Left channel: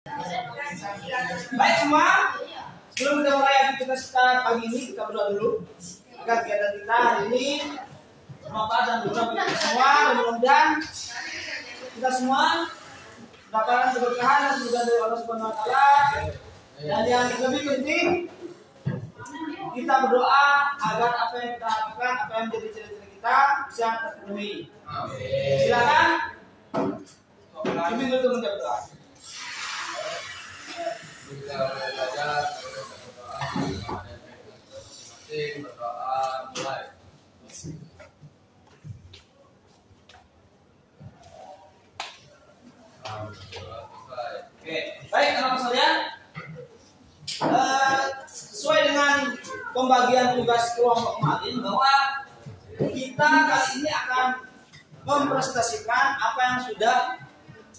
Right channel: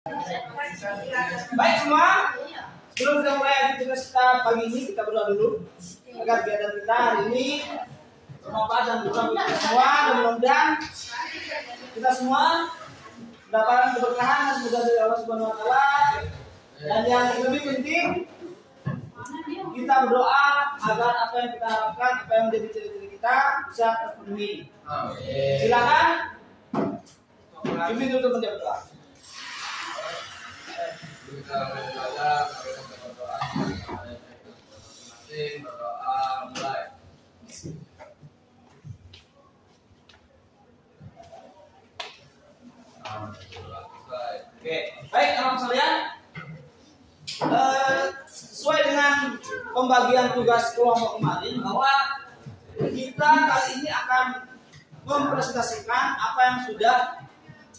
Baik semua, sebelum kita mulai aktivitas kita pagi ini, kita berdoa dulu agar kegiatan kita hari ini bermanfaat dan berguna bagi kita semua, dan mudah-mudahan kita semua mendapatkan keberkahan dan kemudahan dari Allah Subhanahu Wa Taala. Dan yang lebih penting, kita berdoa agar apa yang kita harapkan, apa yang menjadi cita-cita kita bisa terpenuhi. Silakan, Bibi dulu menjawab doa. Berdoa mulai. Oke, baik anak sekalian. Sesuai dengan pembagian tugas kelompok kemarin, bahwa kita kali ini akan mempresentasikan apa yang sudah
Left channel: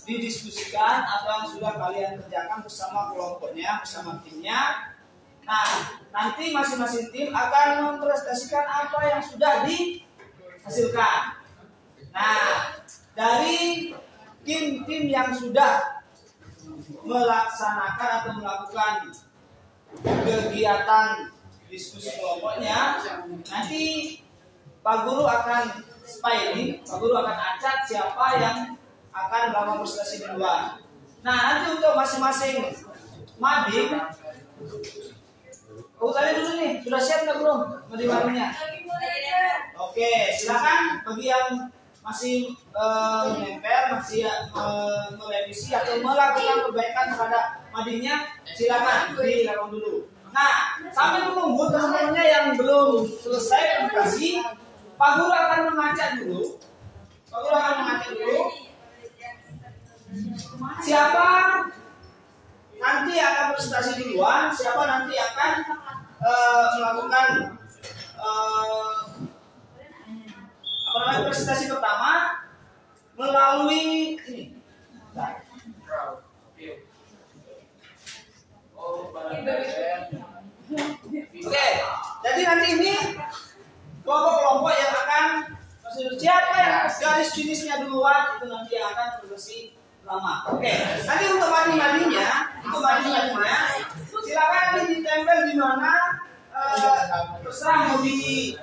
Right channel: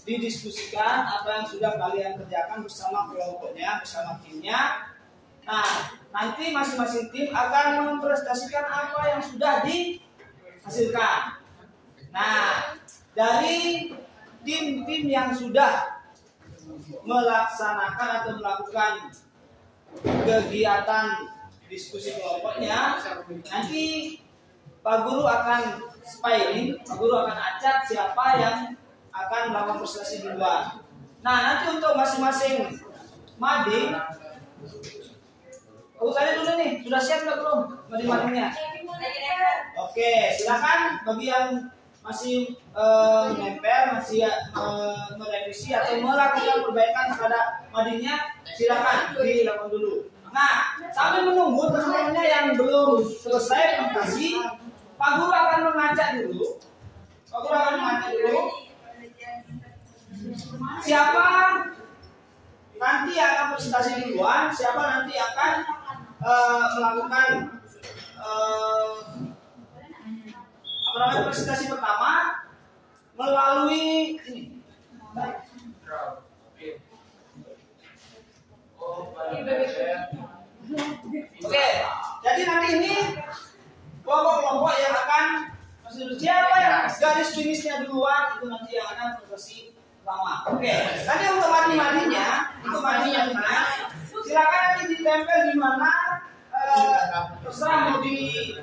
didiskusikan, apa yang sudah kalian kerjakan bersama kelompoknya, bersama timnya. Nah, nanti masing-masing tim akan mempresentasikan apa yang sudah dihasilkan. Nah, dari tim-tim yang sudah melaksanakan atau melakukan kegiatan diskusi kelompoknya, nanti Pak Guru akan spying, Pak Guru akan acak siapa yang akan melakukan presentasi duluan. Nah, nanti untuk masing-masing mading, tadi dulu nih, sudah siap nggak belum mading-madingnya? Oke, silakan bagi yang masih nempel, masih merevisi atau melakukan perbaikan kepada madingnya, silakan dilakukan dulu. Nah, sambil menunggu teman-temannya yang belum selesai presentasi, Pak Guru akan mengacak dulu. Pak Guru akan mengacak dulu. Siapa nanti akan presentasi duluan, siapa nanti akan melakukan presentasi pertama melalui ini. Oke, jadi nanti ini kelompok-kelompok yang akan siapa yang garis finishnya duluan itu nanti yang akan presentasi pertama. Oke, nanti untuk mading-madingnya, silakan nanti ditempel di mana, terserah mau di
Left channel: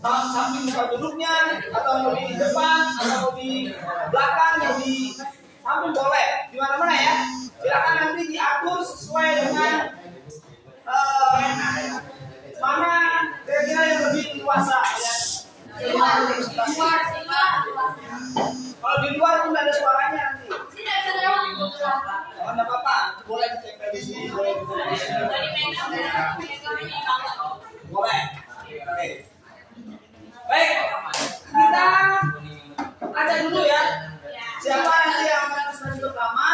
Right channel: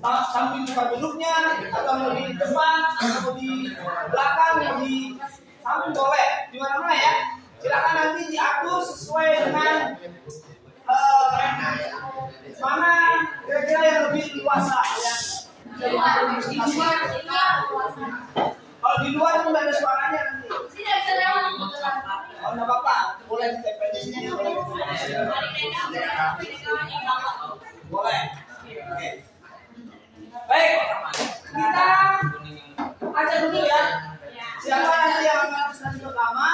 samping tempat duduknya, atau mau di depan, atau mau di belakang, mau di samping boleh, di mana-mana ya. Silakan nanti diatur sesuai dengan mana kira-kira yang lebih luasa ya. Kalau di luar itu nggak ada suaranya nanti. Oh, nggak apa-apa, boleh ditempel di sini. Boleh. Oke. Baik, kita ajak dulu ya. Siapa nanti yang akan presentasi pertama,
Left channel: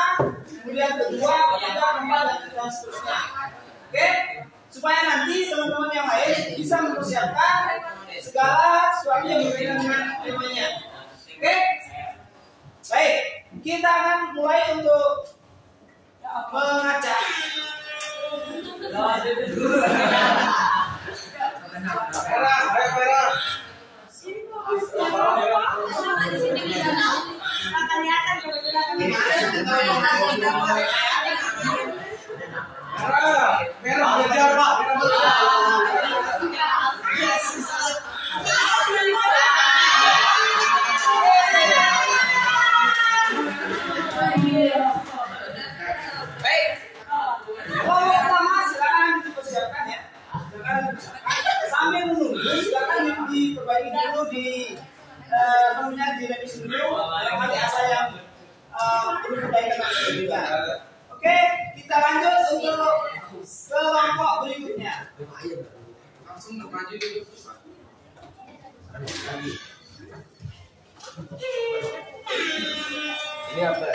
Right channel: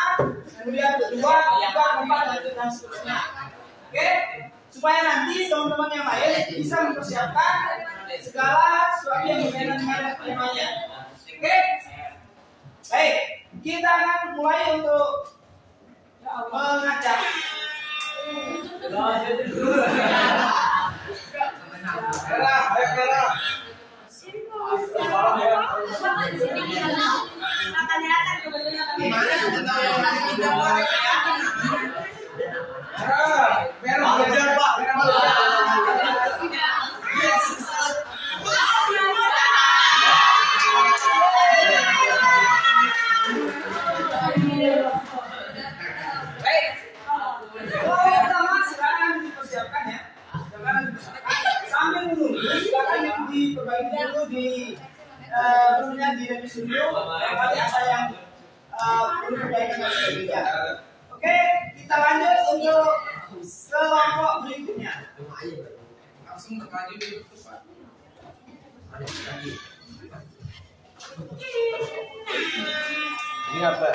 kemudian kedua, ketiga, keempat, dan seterusnya. Oke, supaya nanti teman-teman yang lain bisa mempersiapkan segala sesuatu yang berkaitan dengan temanya. Oke, baik, kita akan mulai untuk mengacak. Merah. Sambil menunggu, silakan diperbaiki dulu perlunya direvisi dulu. Nanti ada yang perlu perbaikan dan sebagainya. Oke, kita lanjut untuk kelompok berikutnya. Langsung maju dulu. Ini apa?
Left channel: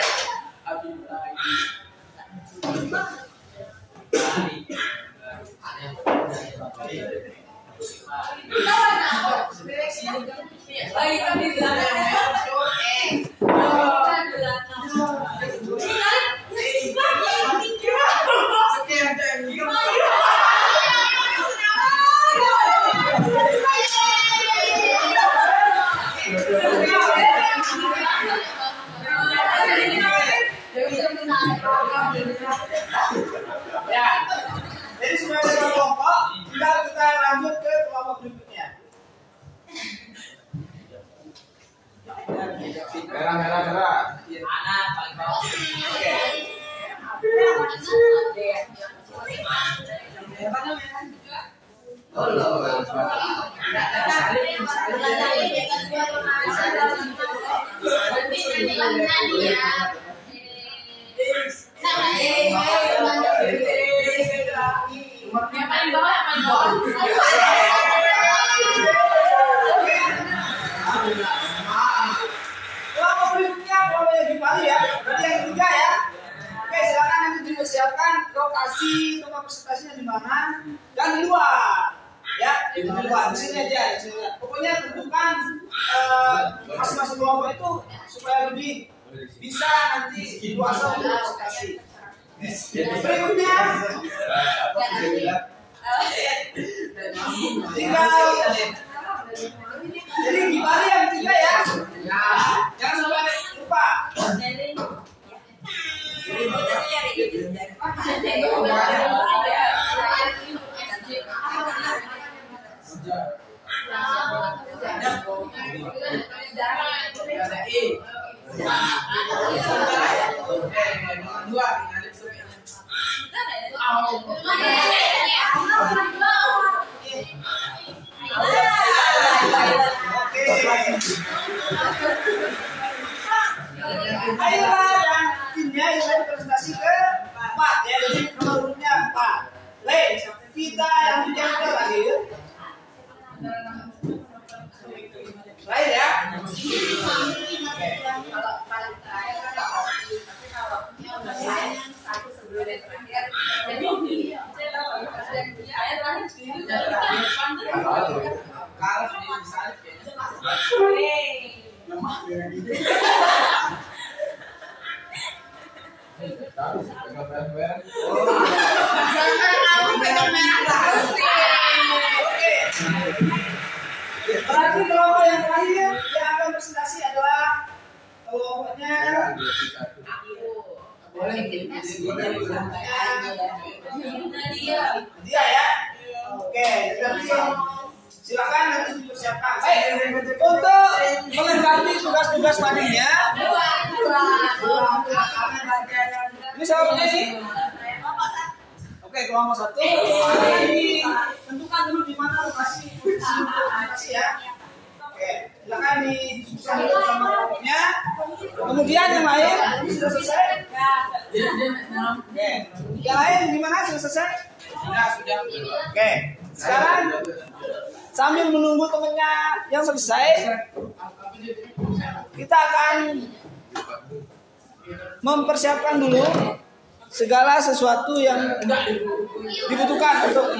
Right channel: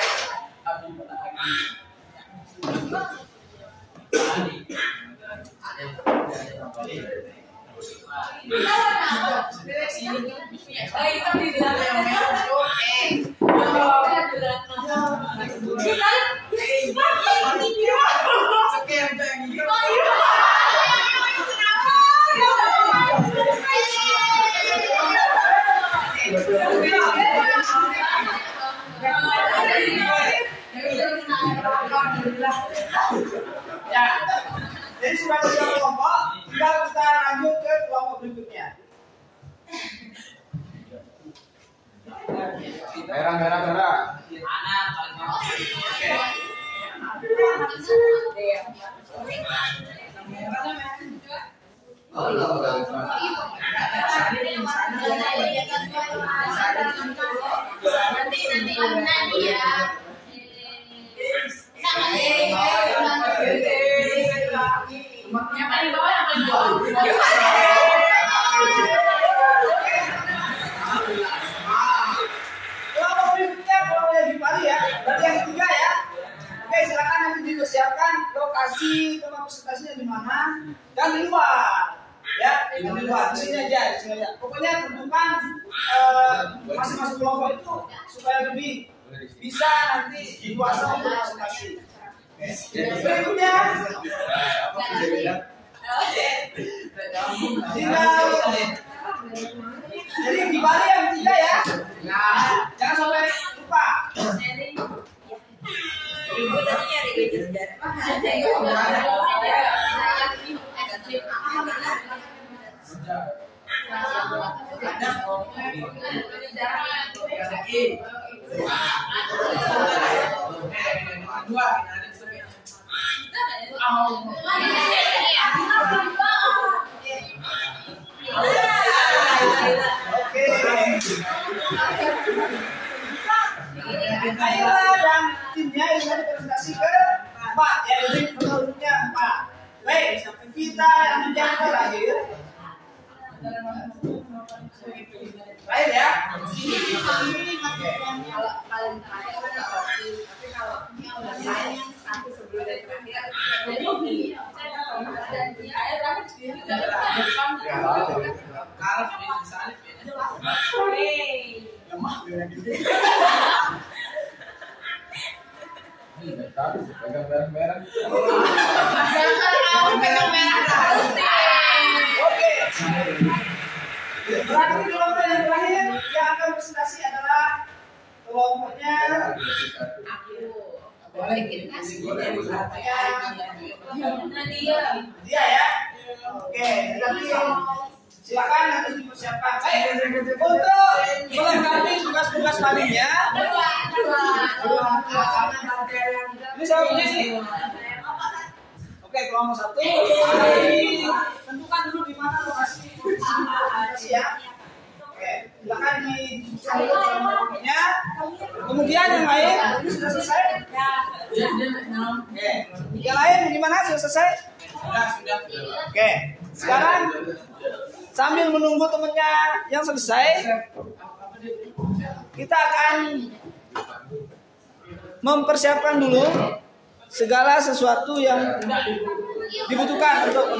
Ya. Jadi sudah ada kelompok, tinggal kita lanjut ke kelompok berikutnya. Merah. Anak paling bawah. Oke. Yang paling bawah, yang paling bawah. Kelompok berikutnya kelompok yang Bali ya. Berarti yang ketiga ya. Oke, silakan nanti dipersiapkan lokasi tempat presentasinya di mana dan di luar. Ya, di luar. Di sini aja, di sini aja. Pokoknya tentukan masing-masing kelompok itu supaya lebih bisa nanti dikuasa untuk presentasi. Berikutnya tinggal jadi di Bali yang ketiga ya. Jangan sampai lupa. Oke. Ayolah dan timnya yang tadi presentasi ke 4 ya, jadi nomor urutnya 4. Baik, kita yang bicara terakhir. Terakhir ya. Kalau paling terakhir ada kopi, tapi kalau satu sebelum terakhir jadi dan dia terakhir sendiri dari depan Kalau sendiri disalip Lemah kayak gitu. pegang merah. aku pegang merah Oke. Berarti kelompok yang terakhir yang akan presentasi adalah kelompoknya Nadia dia ya. Oke, nanti silakan nanti dipersiapkan. Baik, untuk melengkapi tugas-tugas paningnya. Ini siapa punya sih? Oke, kelompok 1. Tentukan dulu di mana lokasi presentasi ya. Oke, silakan didiskusikan dulu sama kelompoknya. Kemudian yang lain ini sudah selesai. Oke, yang lain gimana? Sudah selesai? Sudah. Oke, sekarang sambil menunggu temennya yang selesai, kita akan mempersiapkan dulu segala sesuatu yang dibutuhkan untuk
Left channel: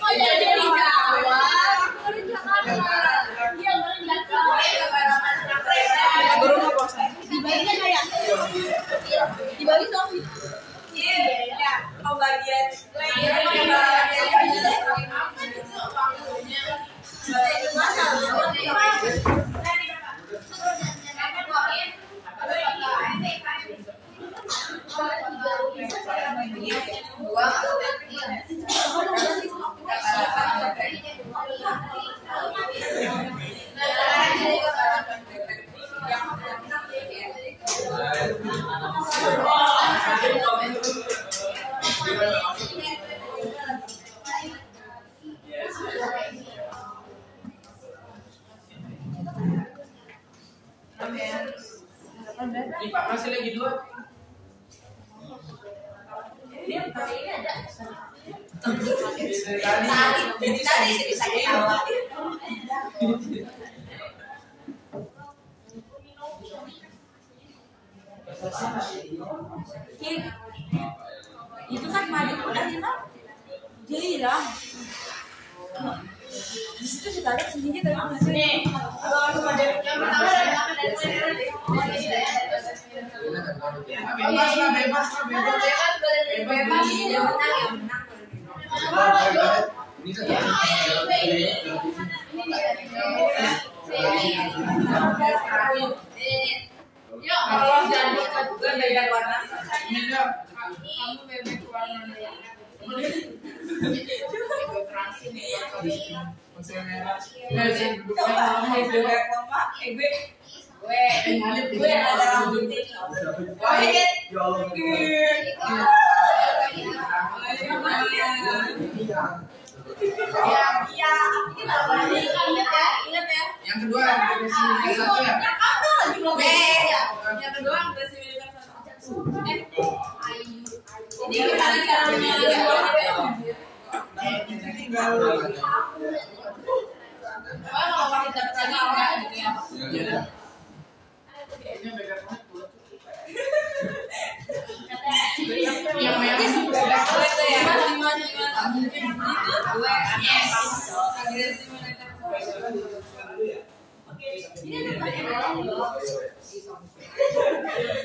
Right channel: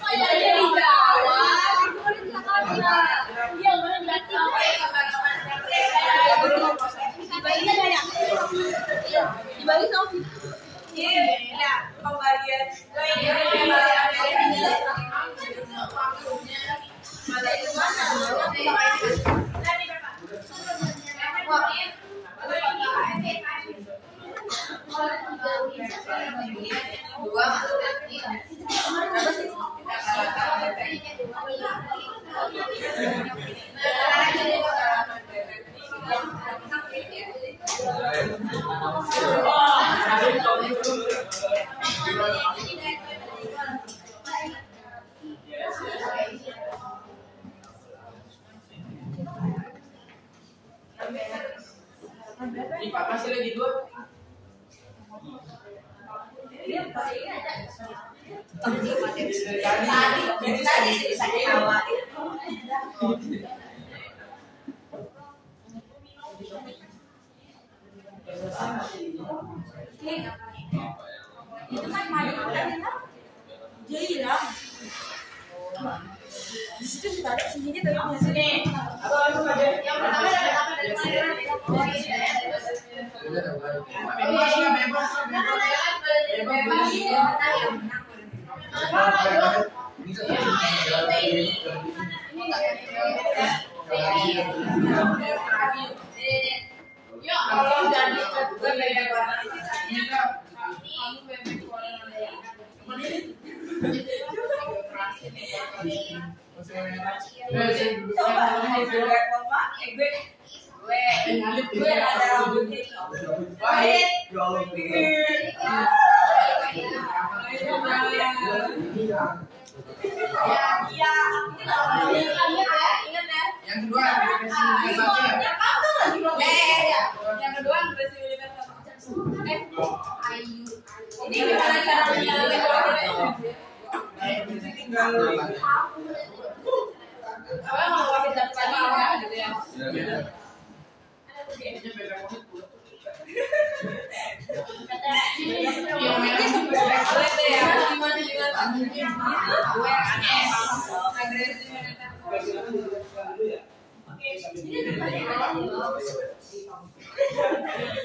Oh ya jadi Jawa, di Jakarta. Iya benar di Di Bali ada ya? Di Bali tahu sih. Iya, pembagian. Ini Pak masih lagi 2. Tadi bisa ketawa. Itu kan madu kan ya? Iya. Di situ sudah ada sendiri dari Nih, apa langsung aja? yang pertama dari apa dari mana? Bebas lah, bebas lah, bebas. Bebas yang menang yang menang. Ini kan Yo, kalau jadi berbeda warna. ini kan Kamu bebek warna masih merah. gue ada rambutnya. Wahid. Iya. Ingat ya. Yang kedua depresi militer saja. Yang kedua depresi militer sama. Ini gimana caranya? Kita tinggal. Kalau Wahid dapat lagi enggak gitu ya? Iya. Kayaknya pegang banget pulang. Yang merah itu Boleh tuh ya. Gimana? Itu gue aneh. Agresif militer.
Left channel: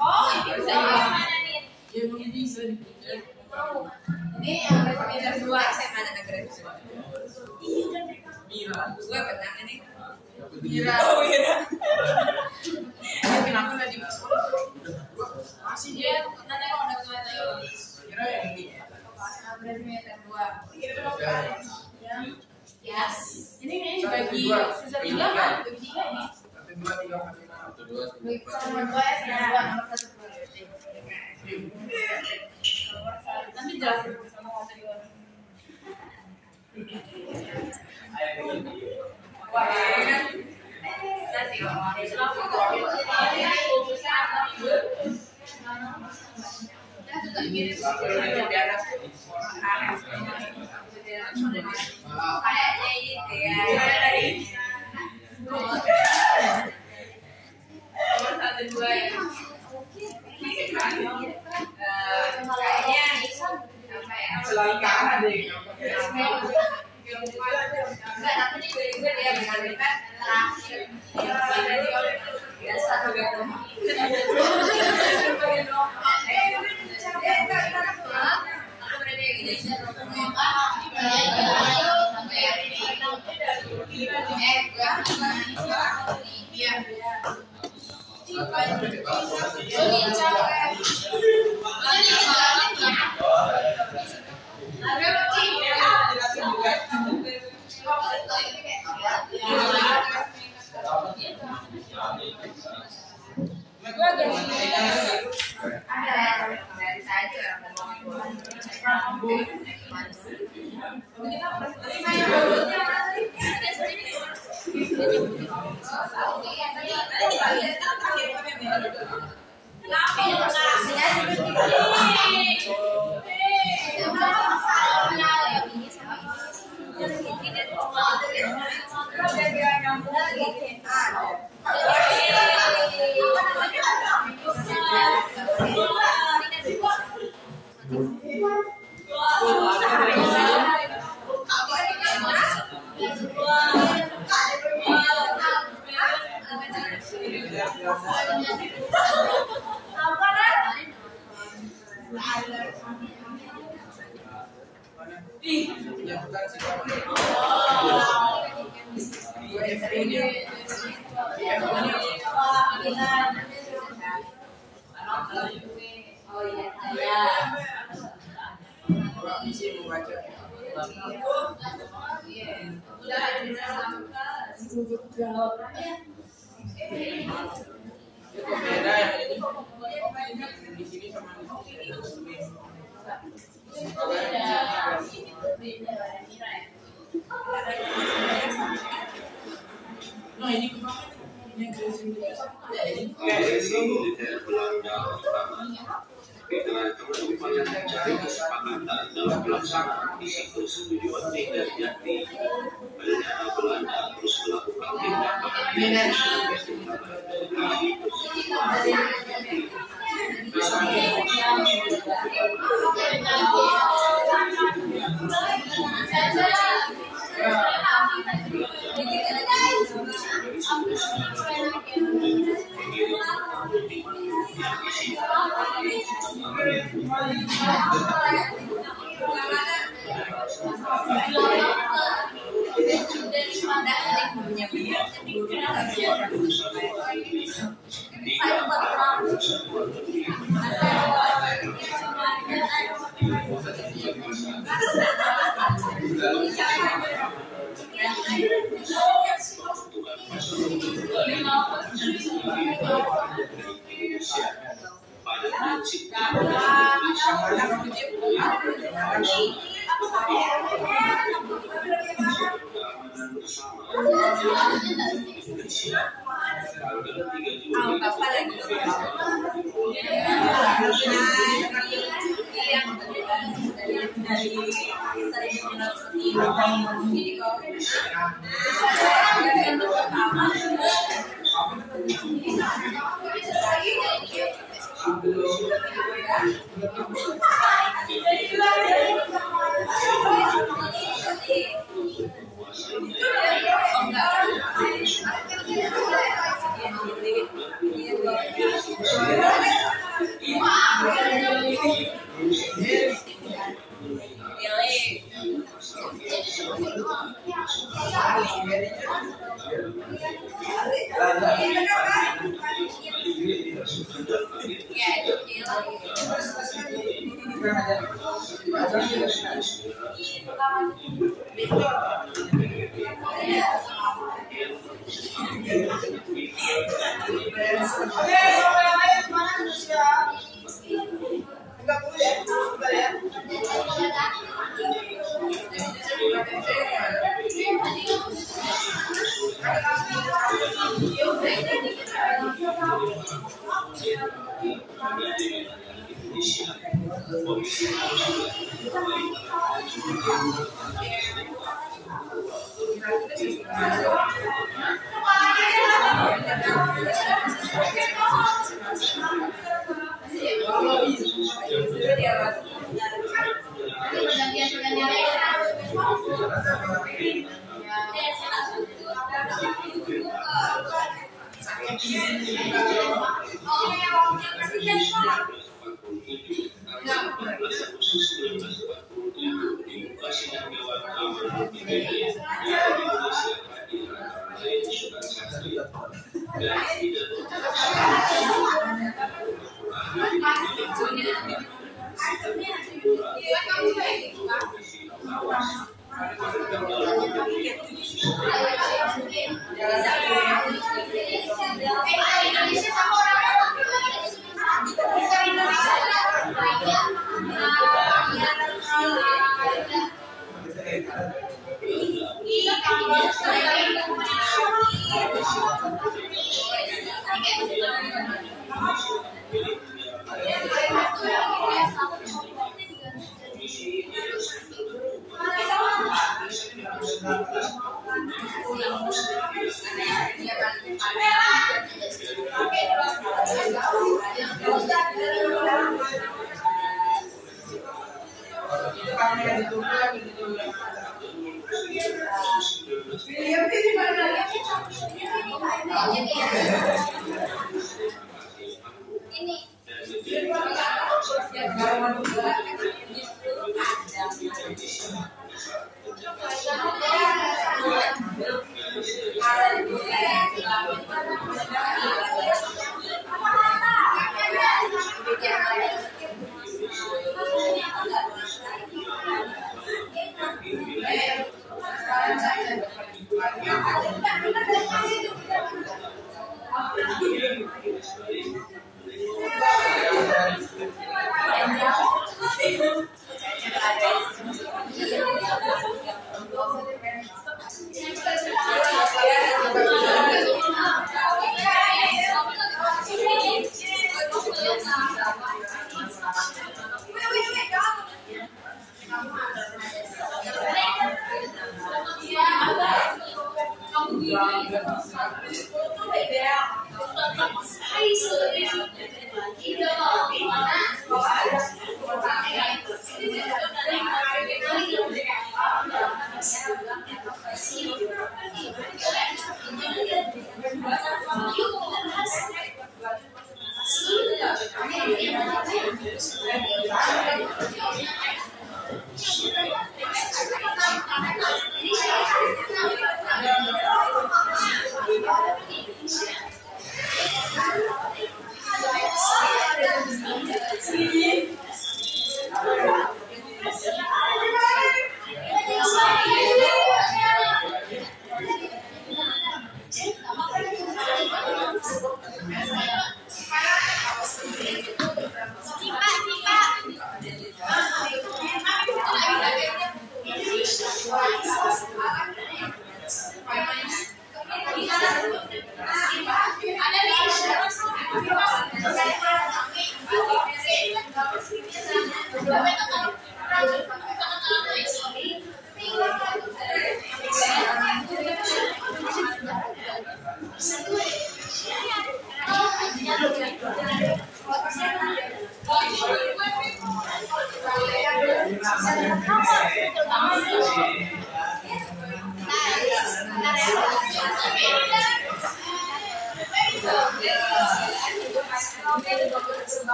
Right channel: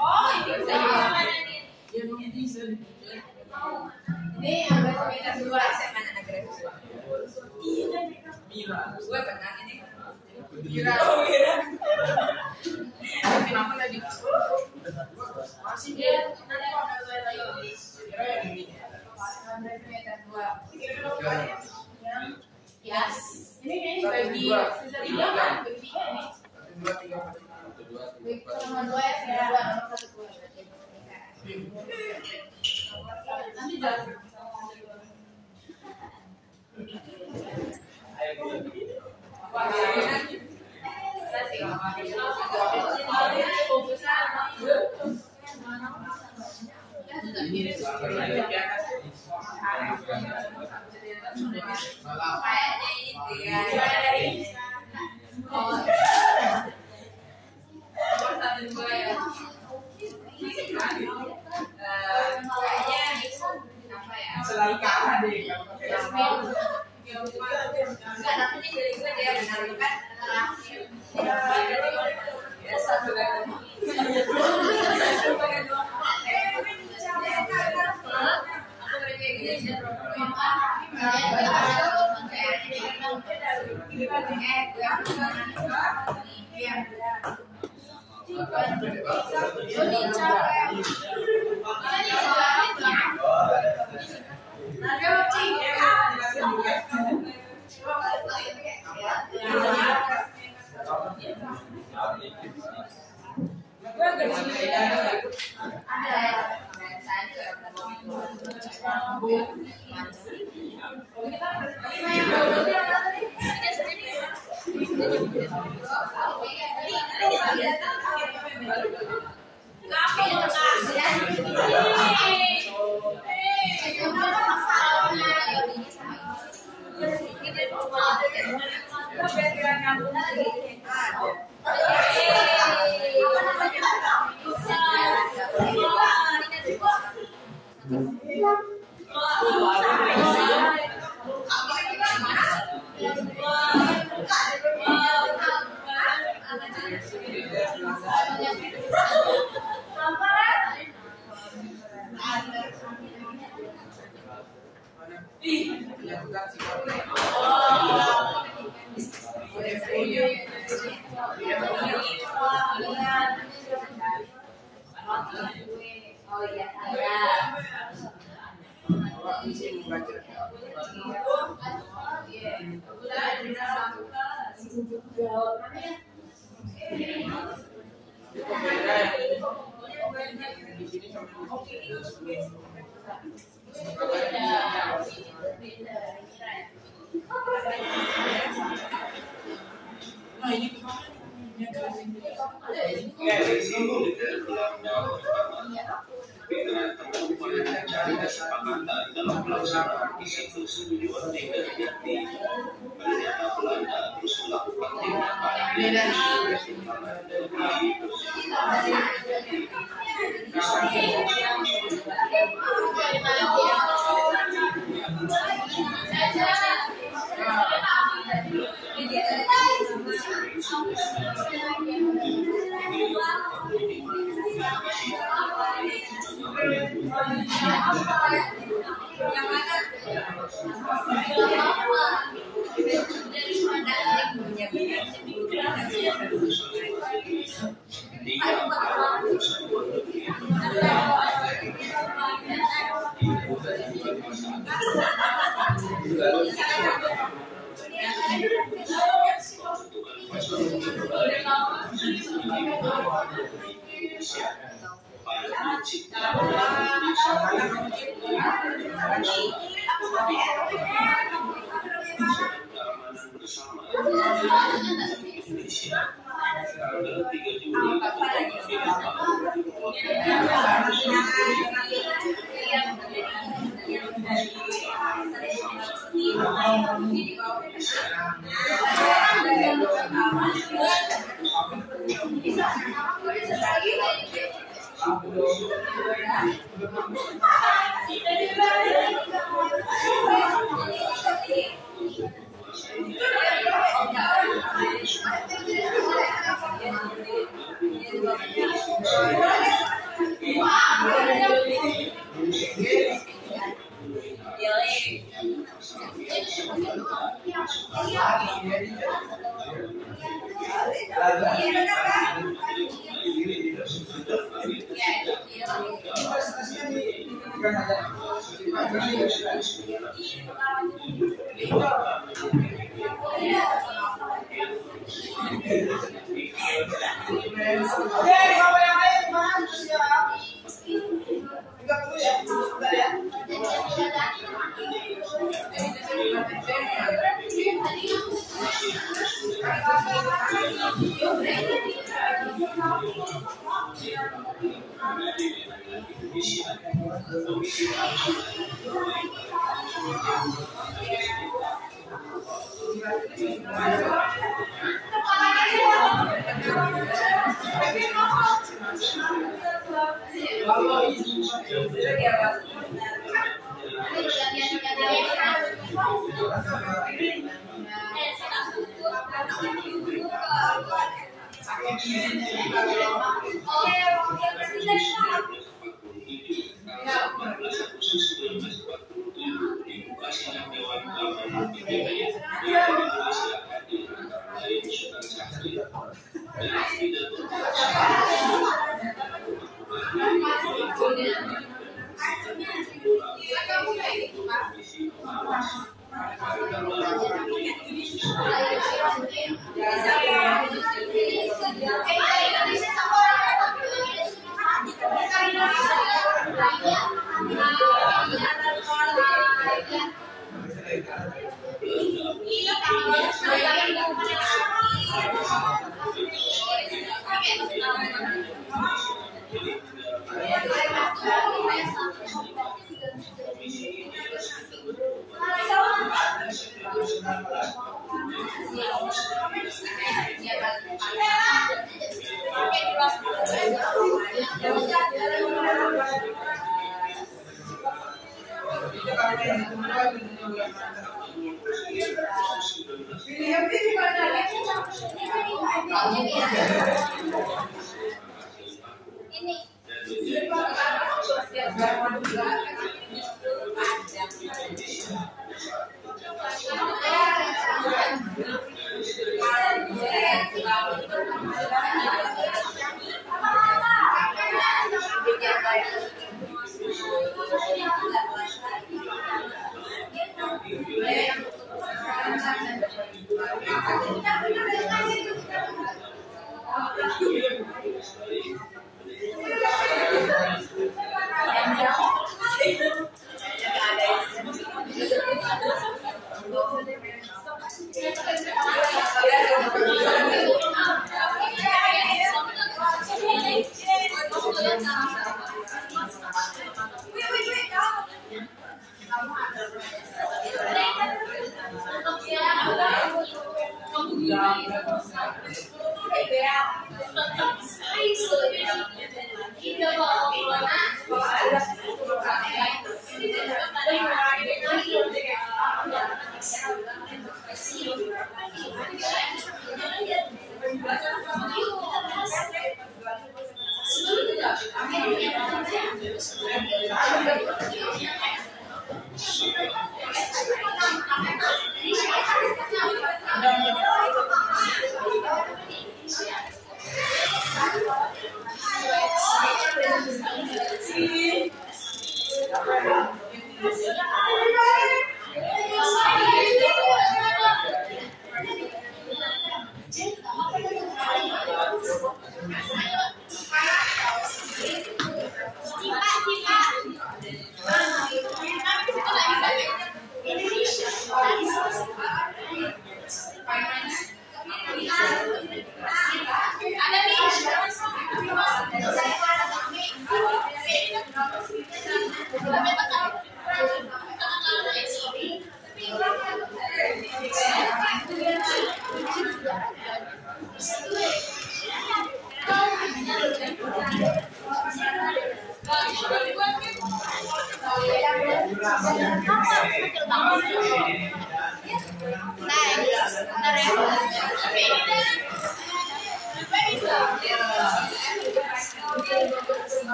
Oh, ini bisa jadi. Ya emang bisa dipinjam. Ini yang militer 2 saya mana agresif. Mira. Gue menang ini. Mira. Oh, Mira. Kenapa lagi? Masih Iya, nanti kalau udah selesai lagi. Mira yang ini. Agresif militer 2. Ya. Yes. Ini bagi sisa 3 kan? Bagi 3 ini. 1, 2, 3, 4, 5, 6. Nomor 2 ya, nomor 1 2. Nanti jelasin sama ngomong. Wah, saya sih kayaknya itu ya. Nomor 1 2 ya. Kayaknya apa ya? Selalu kalah deh. Enggak, tapi ini dari gue dia benar benar terakhir. Ya satu gak aku berarti kayak gini aja. Iya. Oh iya, Di sini sama nah ini dari kesepakatan dalam pelaksanaan misi persetujuan leader yakni Belanda terus melakukan tindakan misi persetujuan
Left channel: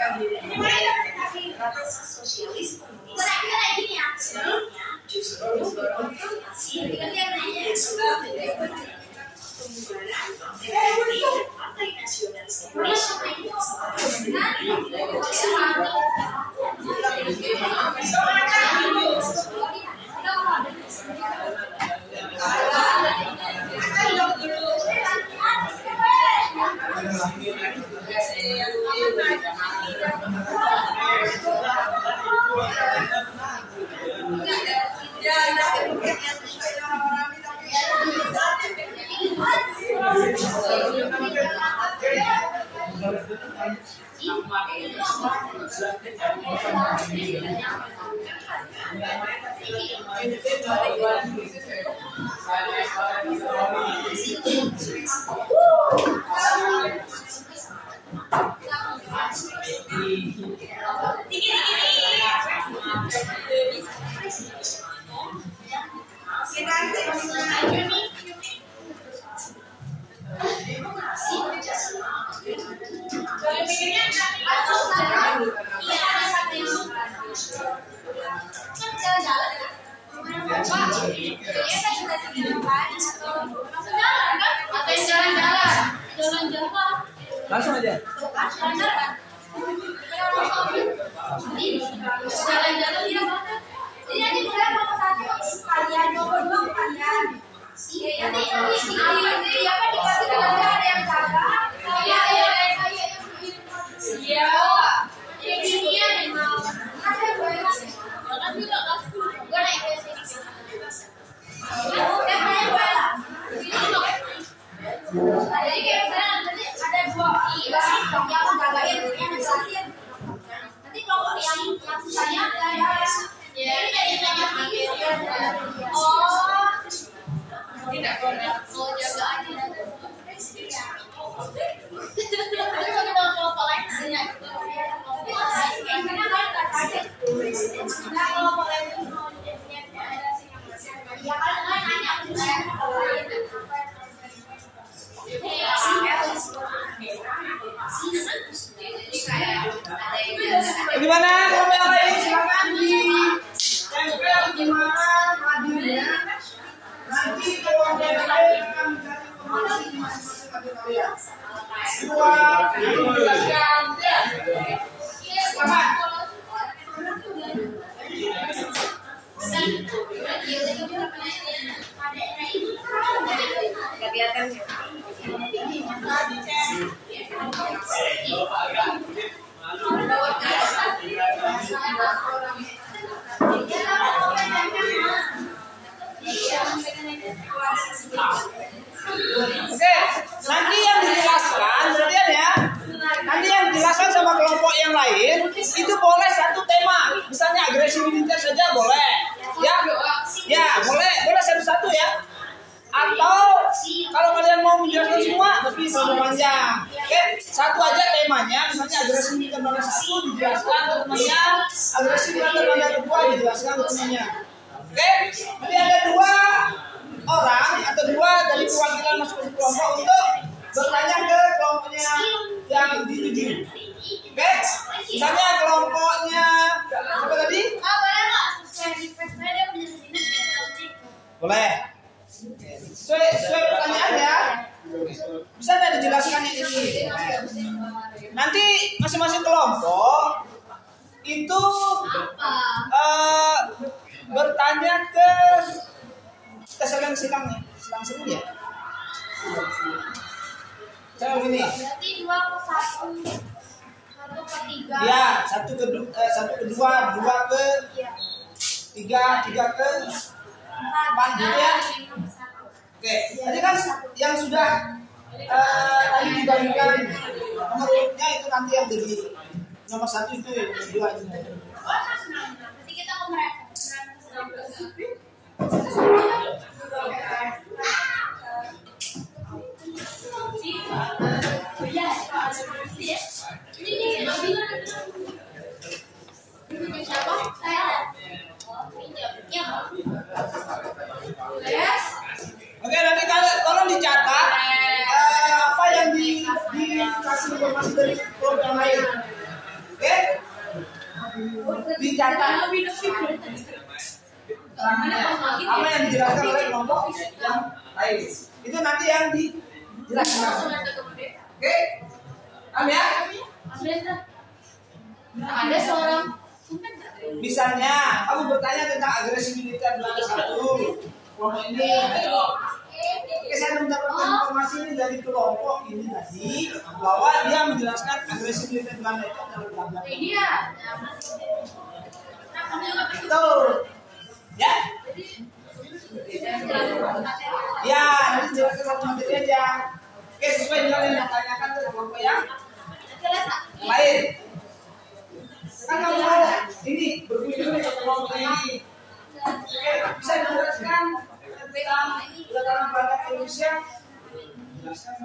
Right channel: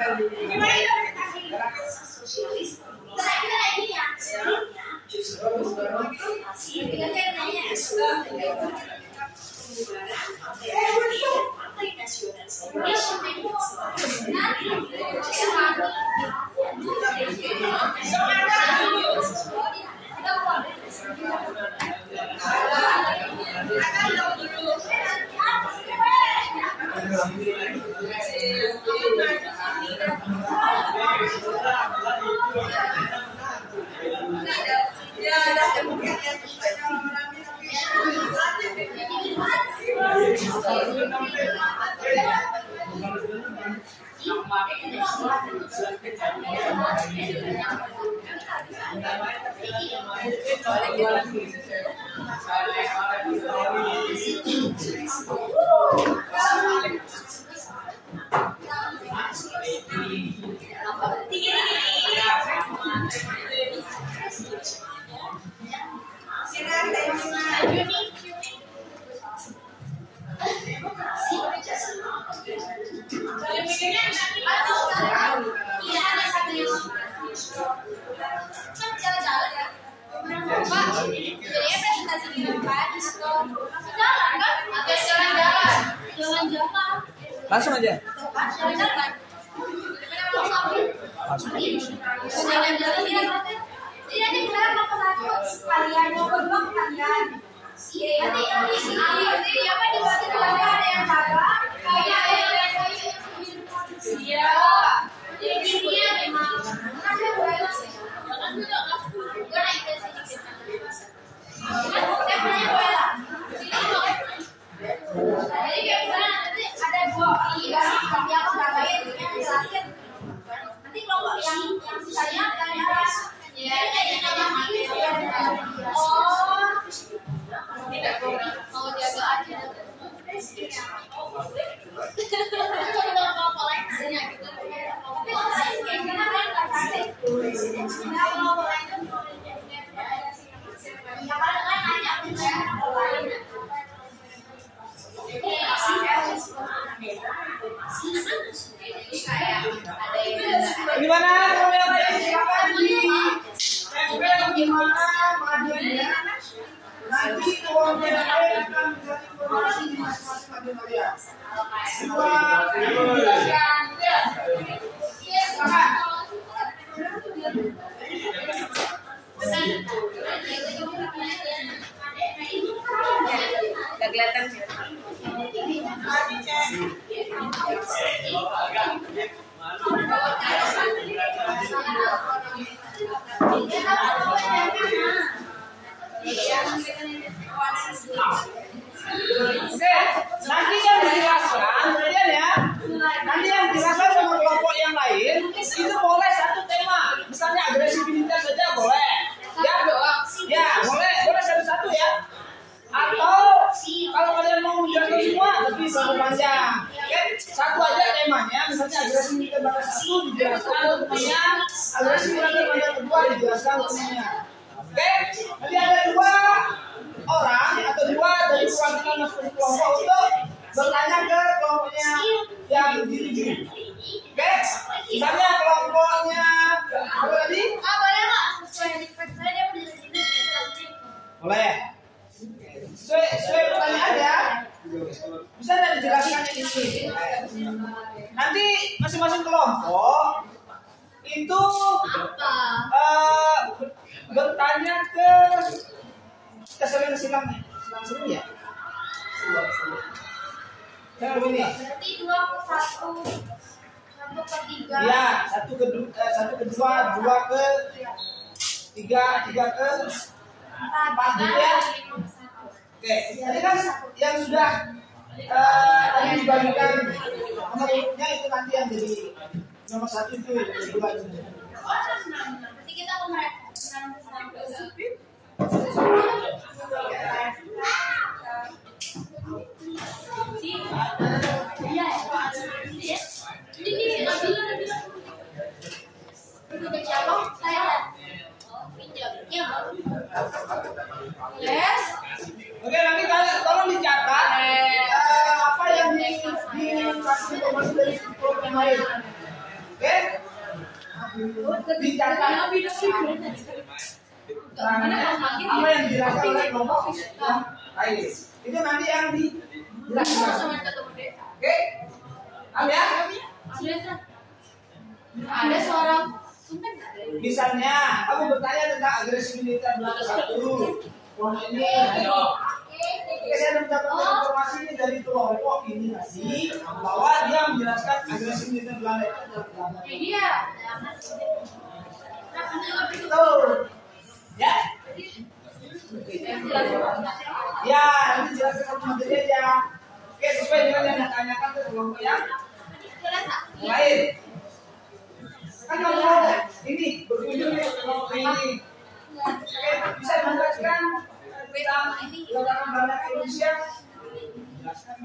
Gimana kita kasih? Sosialis kita kayak gini ya. Justru Partai Nasionalis Langsung aja. Jalan-jalan. Jadi nanti misalnya mau ke satu kalian, mau kedua kalian. Nanti apa dibagi ada yang jaga, iya. Jadi dia memang ada boleh. Jangan juga kasih. Gue naik ke sini. Kan saya boleh lah. Jadi kayak misalnya nanti ada dua yang jagain, yang jelasin. Nanti kelompok yang sisanya tidak mau jaga aja. Tapi kalau kelompok lain nanya gitu. Tapi kalau lain kayaknya kan nggak sakit. Nah kelompok lain itu ya kalau lain nanya aku saya kalau lain. Gimana kalau yang lain silakan ditempel gimana majunya. Nanti kalau yang lain akan mencari informasi di masing-masing maju kalian. Gak kelihatan. Oke, nanti yang dijelaskan berarti ya. Nanti yang dijelaskan sama kelompok yang lain itu boleh satu tema, misalnya agresivitas saja boleh. Ya, boleh satu-satu ya. Atau kalau kalian mau menjelaskan semua lebih panjang. Oke, satu aja temanya, misalnya agresivitas tanda satu dijelaskan ke temannya, agresivitas tanda kedua dijelaskan ke temannya. Oke, nanti ada dua orang atau dua dari perwakilan masing-masing kelompok untuk bertanya ke kelompoknya yang dituju. Oke, misalnya kelompoknya apa tadi? Boleh nggak sesuai request saya dia berdiri di sini? Boleh. Sesuai pertanyaannya bisa tidak dijelaskan ini? Nanti masing-masing kelompok itu bertanya ke selang seru ya. Cara begini. Berarti 2 ke 1, 1 ke 3. Ya, 1 ke 2, 2 ke 3, 3 ke 4 gitu ya. Oke, tadi kan yang sudah tadi dibagikan nomornya itu nanti yang jadi nomor 1 itu yang kedua itu. Nanti kita mau mereka. Oke, nanti tolong dicatat apa yang dikasih informasi dari kelompok yang lain. dicatat. Apa yang dijelaskan oleh kelompok yang lain. Itu nanti yang dijelaskan. Oke? Paham ya? Ada seorang Misalnya, kamu bertanya tentang agresi militer belanda 1. Kelompok ini. Oke, saya mendapatkan informasi ini dari kelompok ini tadi bahwa dia menjelaskan agresi militer Belanda itu adalah ini ya. betul. Ya. Ya, nanti jelaskan satu materi aja. Oke, sesuai dengan yang ditanyakan ke kelompok yang lain. Kan kalau ada ini berkunjung ke kelompok ini. Oke, bisa dijelaskan tentang latar Belanda Indonesia. Jelaskan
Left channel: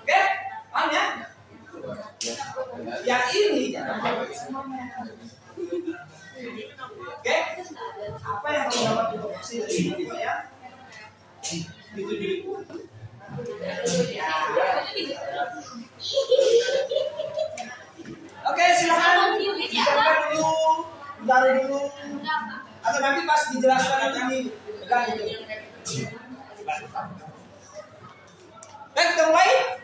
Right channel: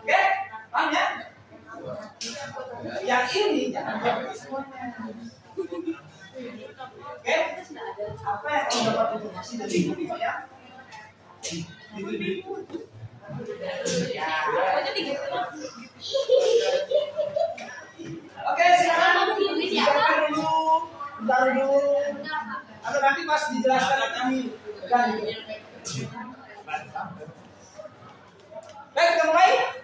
Oke, paham ya? Ya ini jangan pakai semuanya. Oke, apa yang kamu dapat informasi dari ini ya? Itu dulu. Oke, silakan dijelaskan dulu, bentar dulu, atau nanti pas dijelaskan nanti ganti. Baik, kita mulai.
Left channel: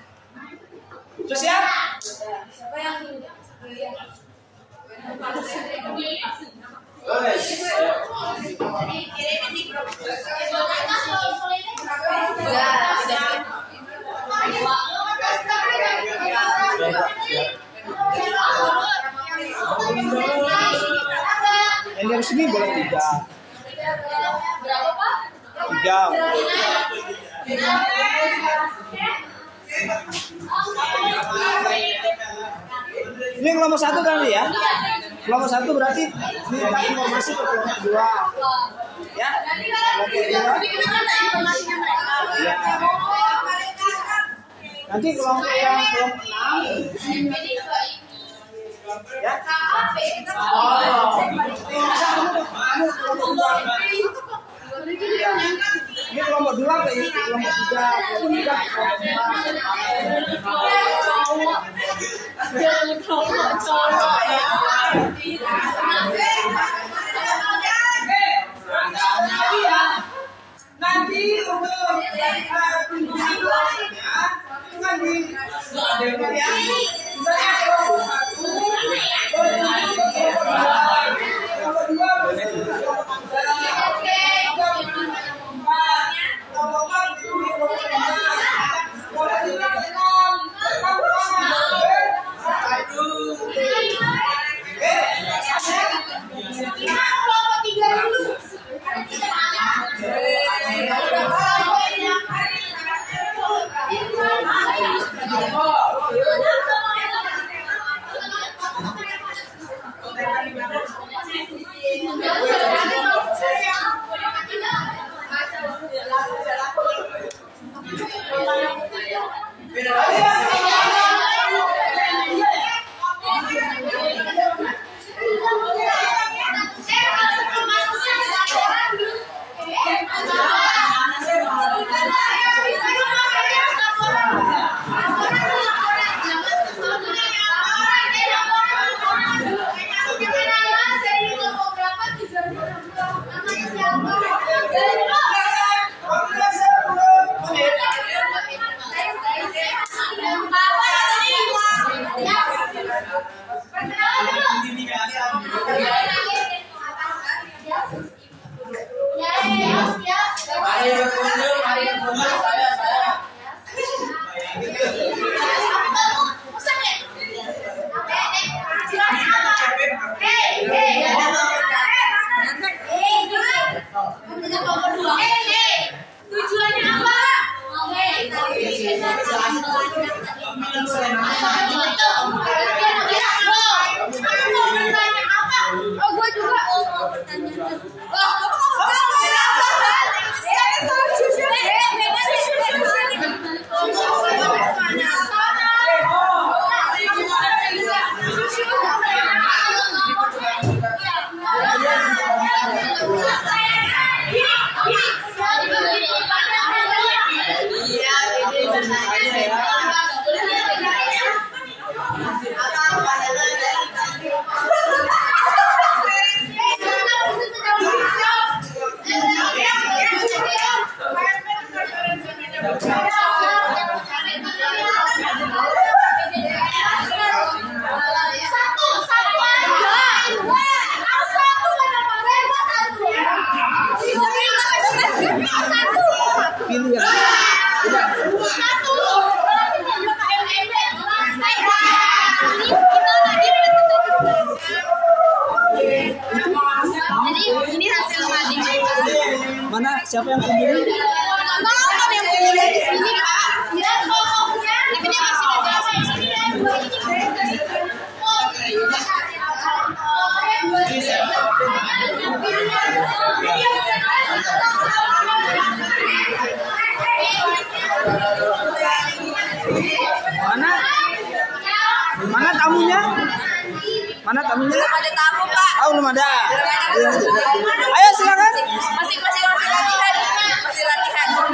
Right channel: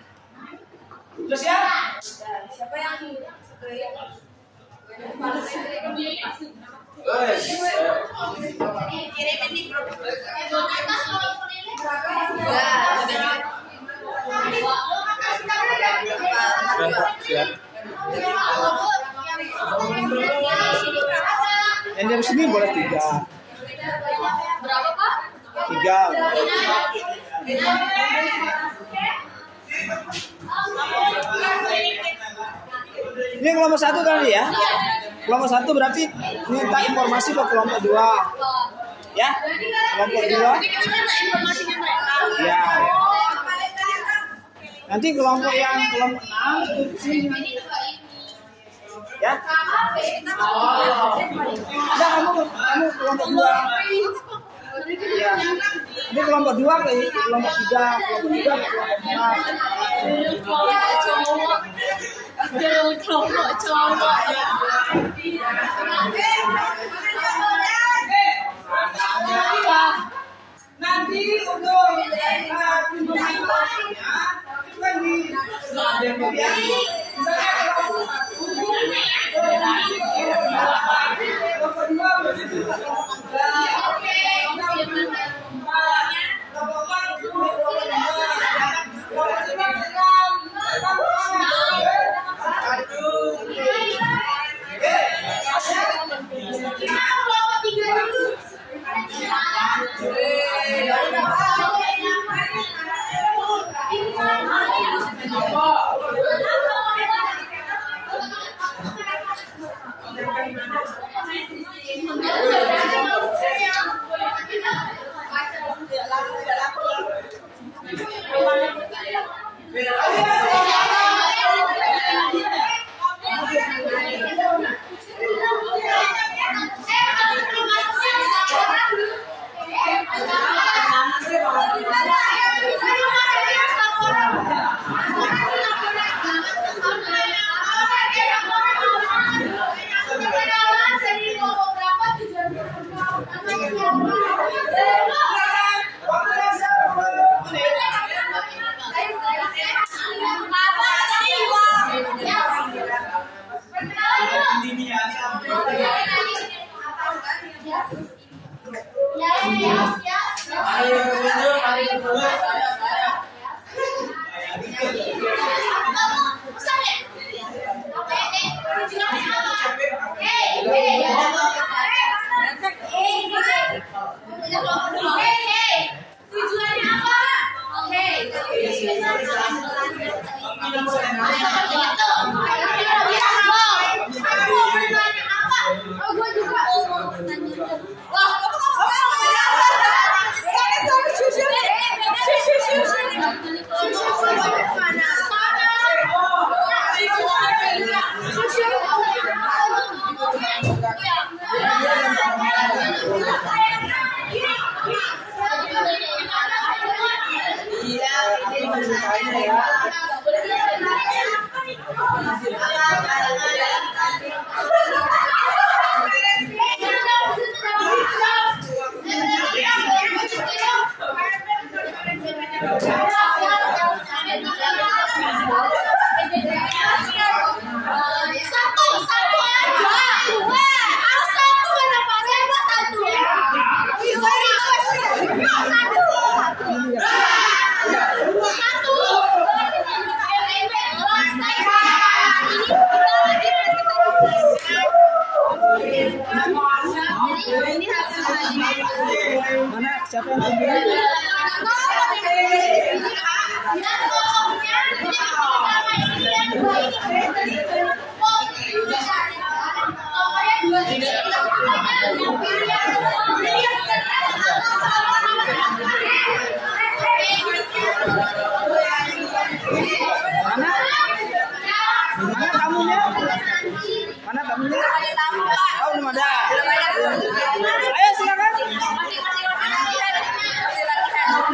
Sudah siap? Siapa yang kirimin di grup. Yang dari sini boleh 3. Berapa, Pak? 3. Ini kelompok 1 tadi ya. Kelompok 1 berarti minta informasi ke kelompok 2. Ya. Kelompok 2. Ya. Nanti kelompok yang kelompok 6 ya. Ada kamu kelompok 2. Ya. Ini kelompok 2 ke kelompok 3. Nanti untuk pembahasannya itu kan di ya. Misalnya kelompok 1, kelompok 2, Kelompok Mana siapa yang kunjungi? Mana? Mana tamunya? Mana tamunya? Ada tamu, Pak. Oh, belum ada. Ayo silakan. Masing-masing orang latihan. Masih latihan.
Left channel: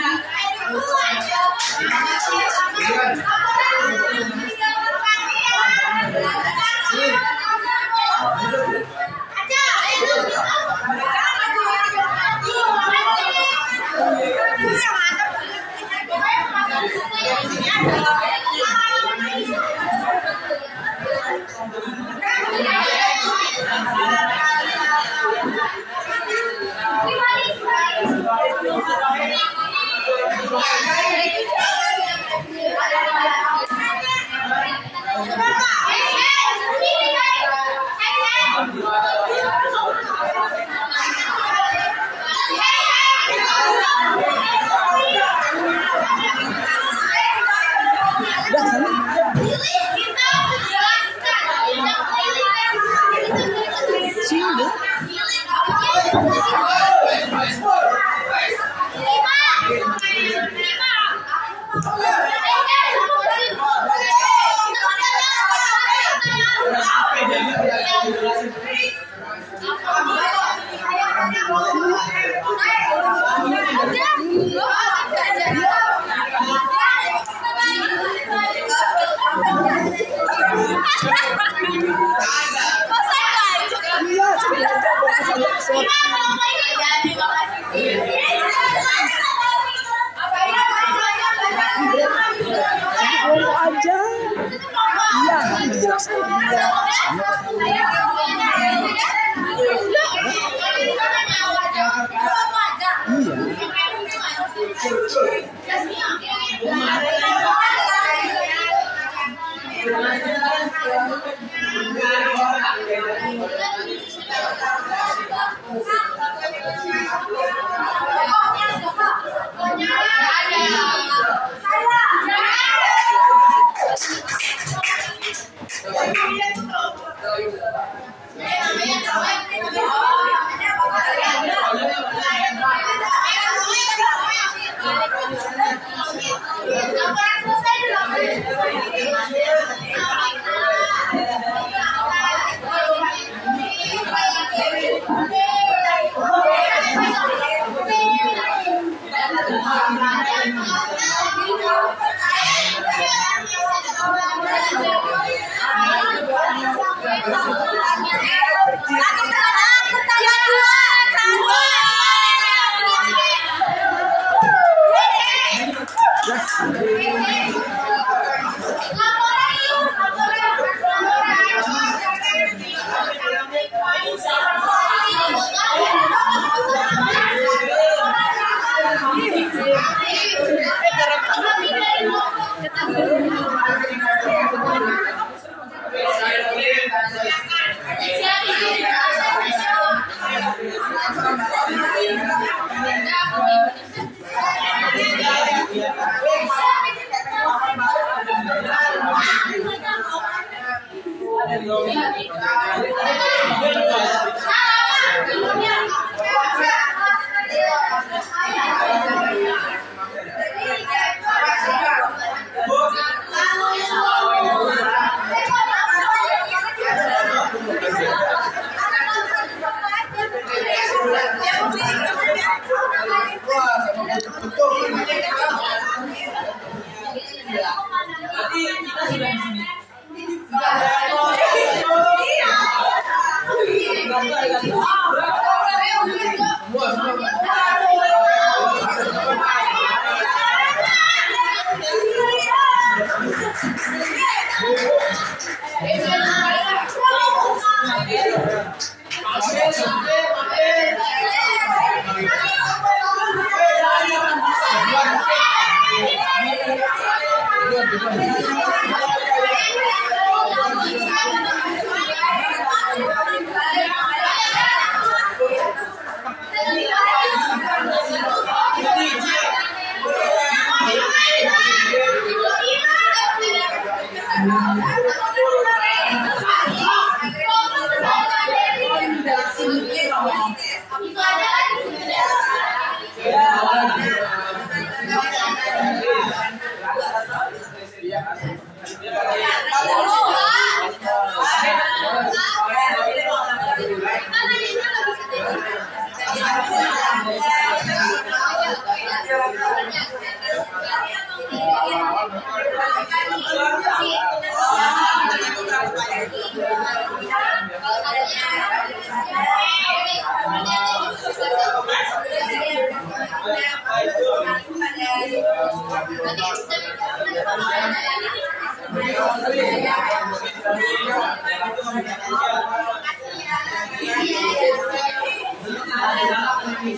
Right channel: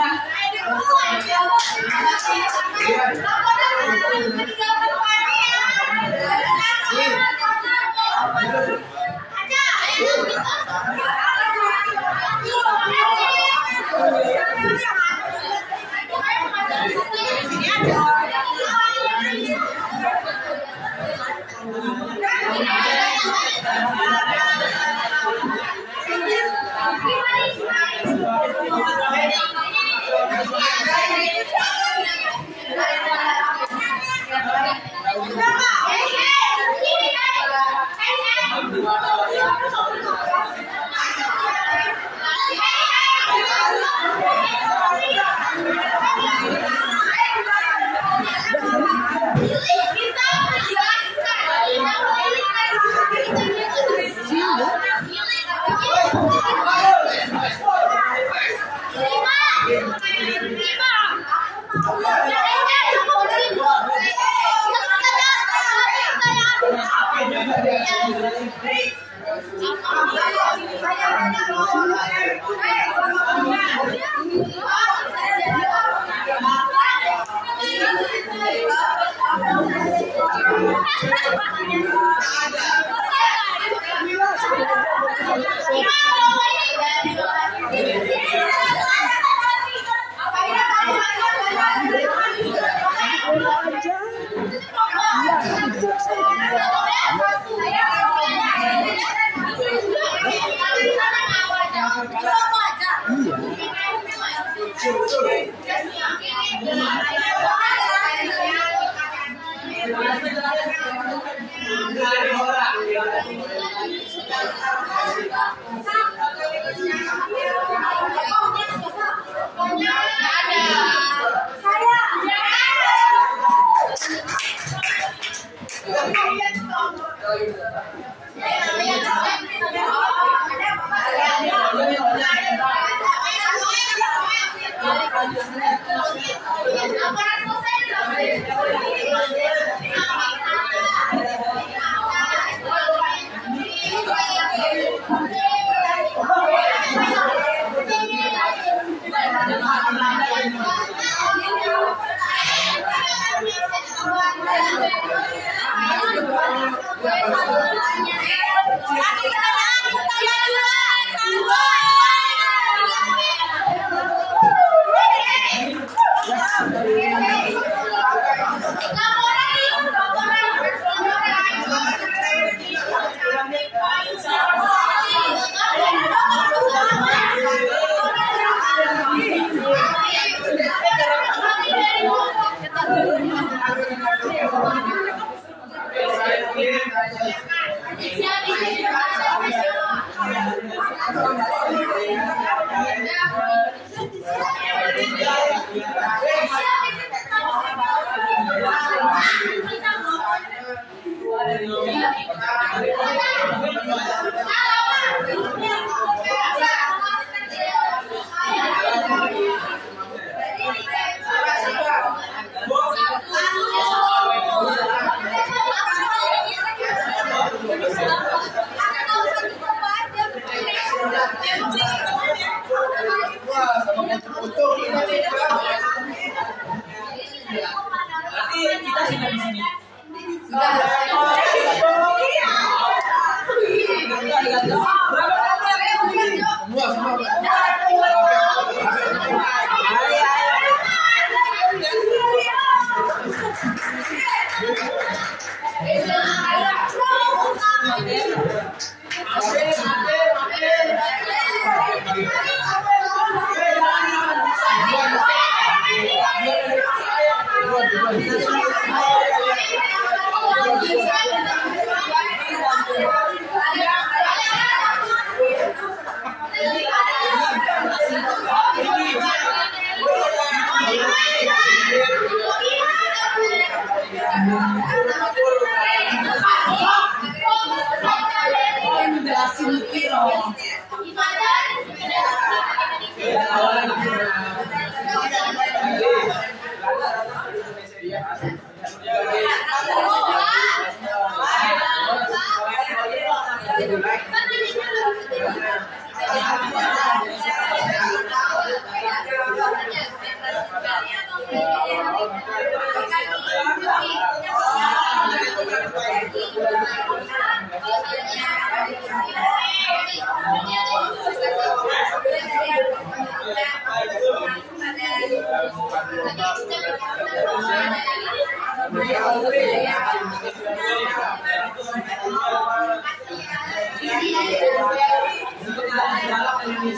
Oh,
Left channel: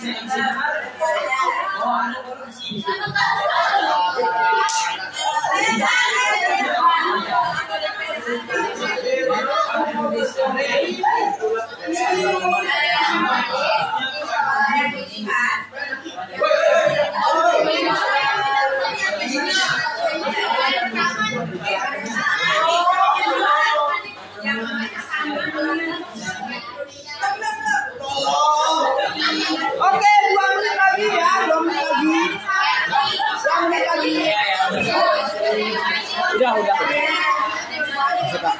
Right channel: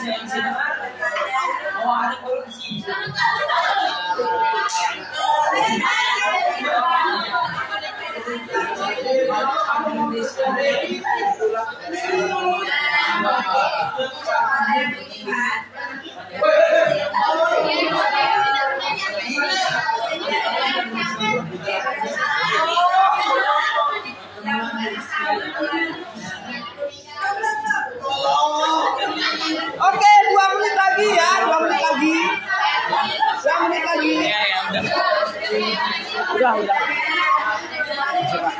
ada polisi. Oke, 2 menit lagi ya, 2 menit lagi. 2 menit lagi. Udah. Coba.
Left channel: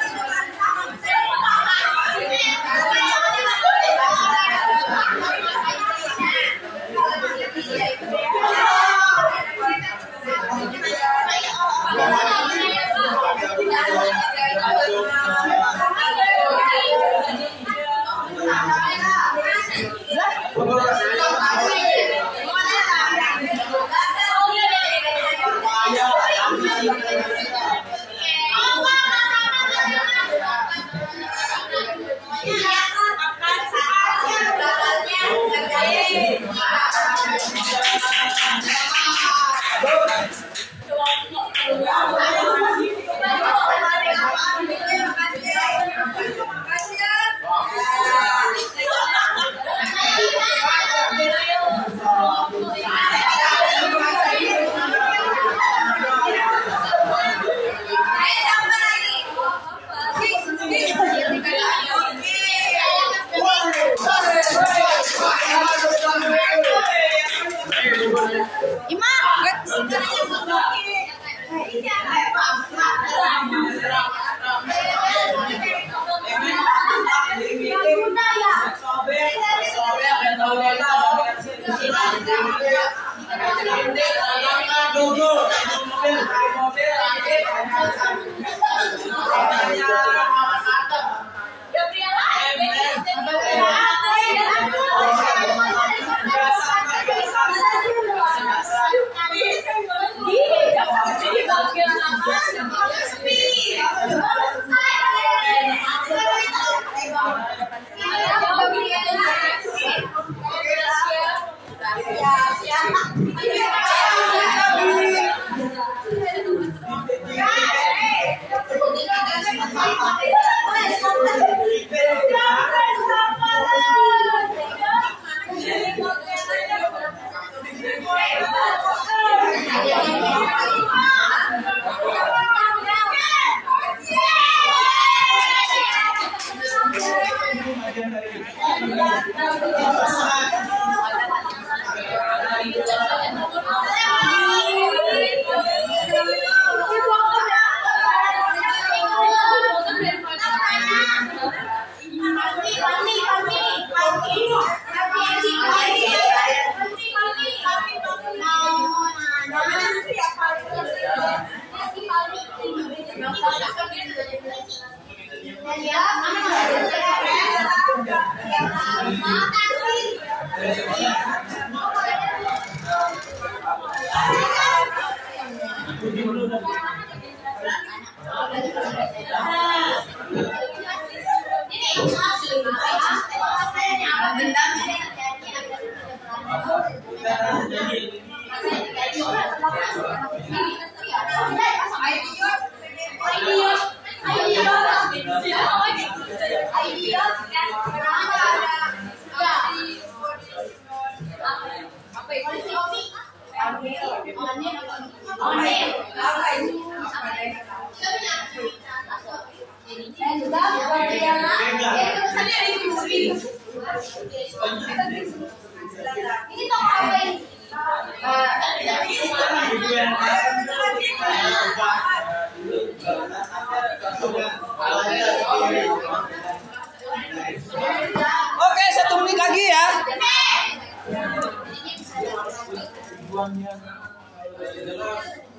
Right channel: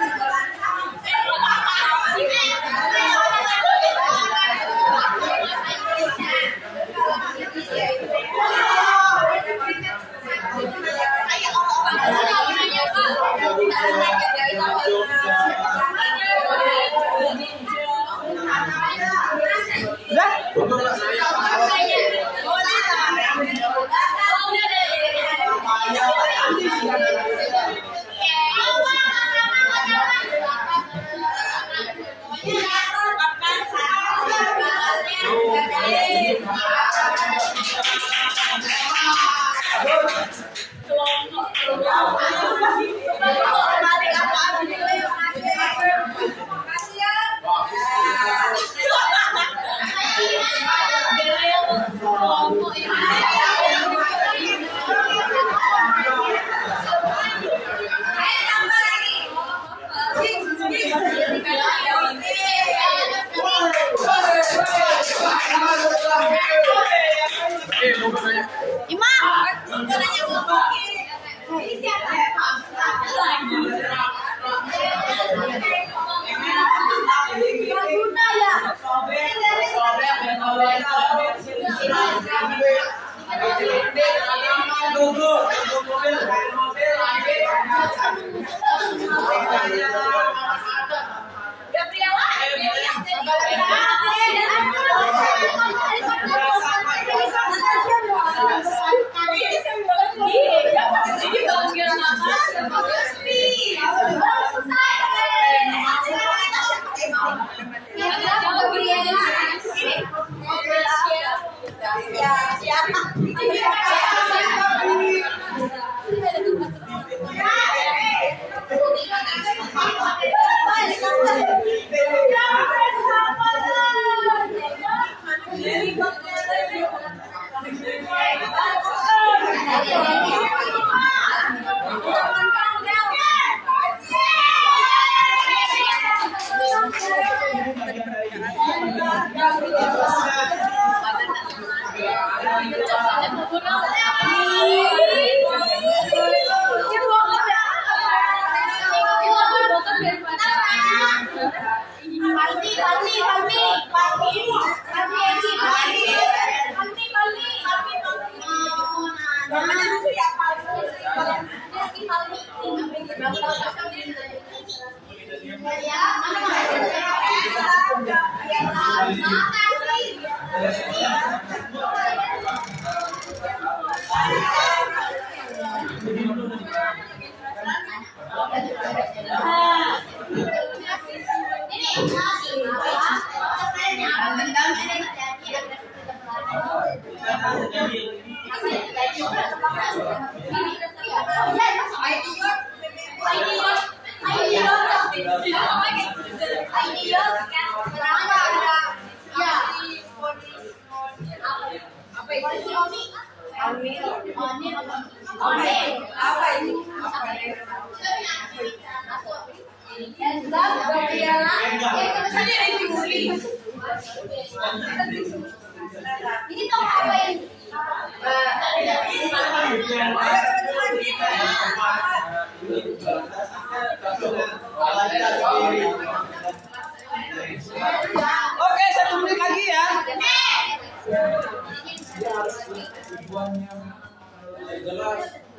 Oke, 1 menit lagi ya.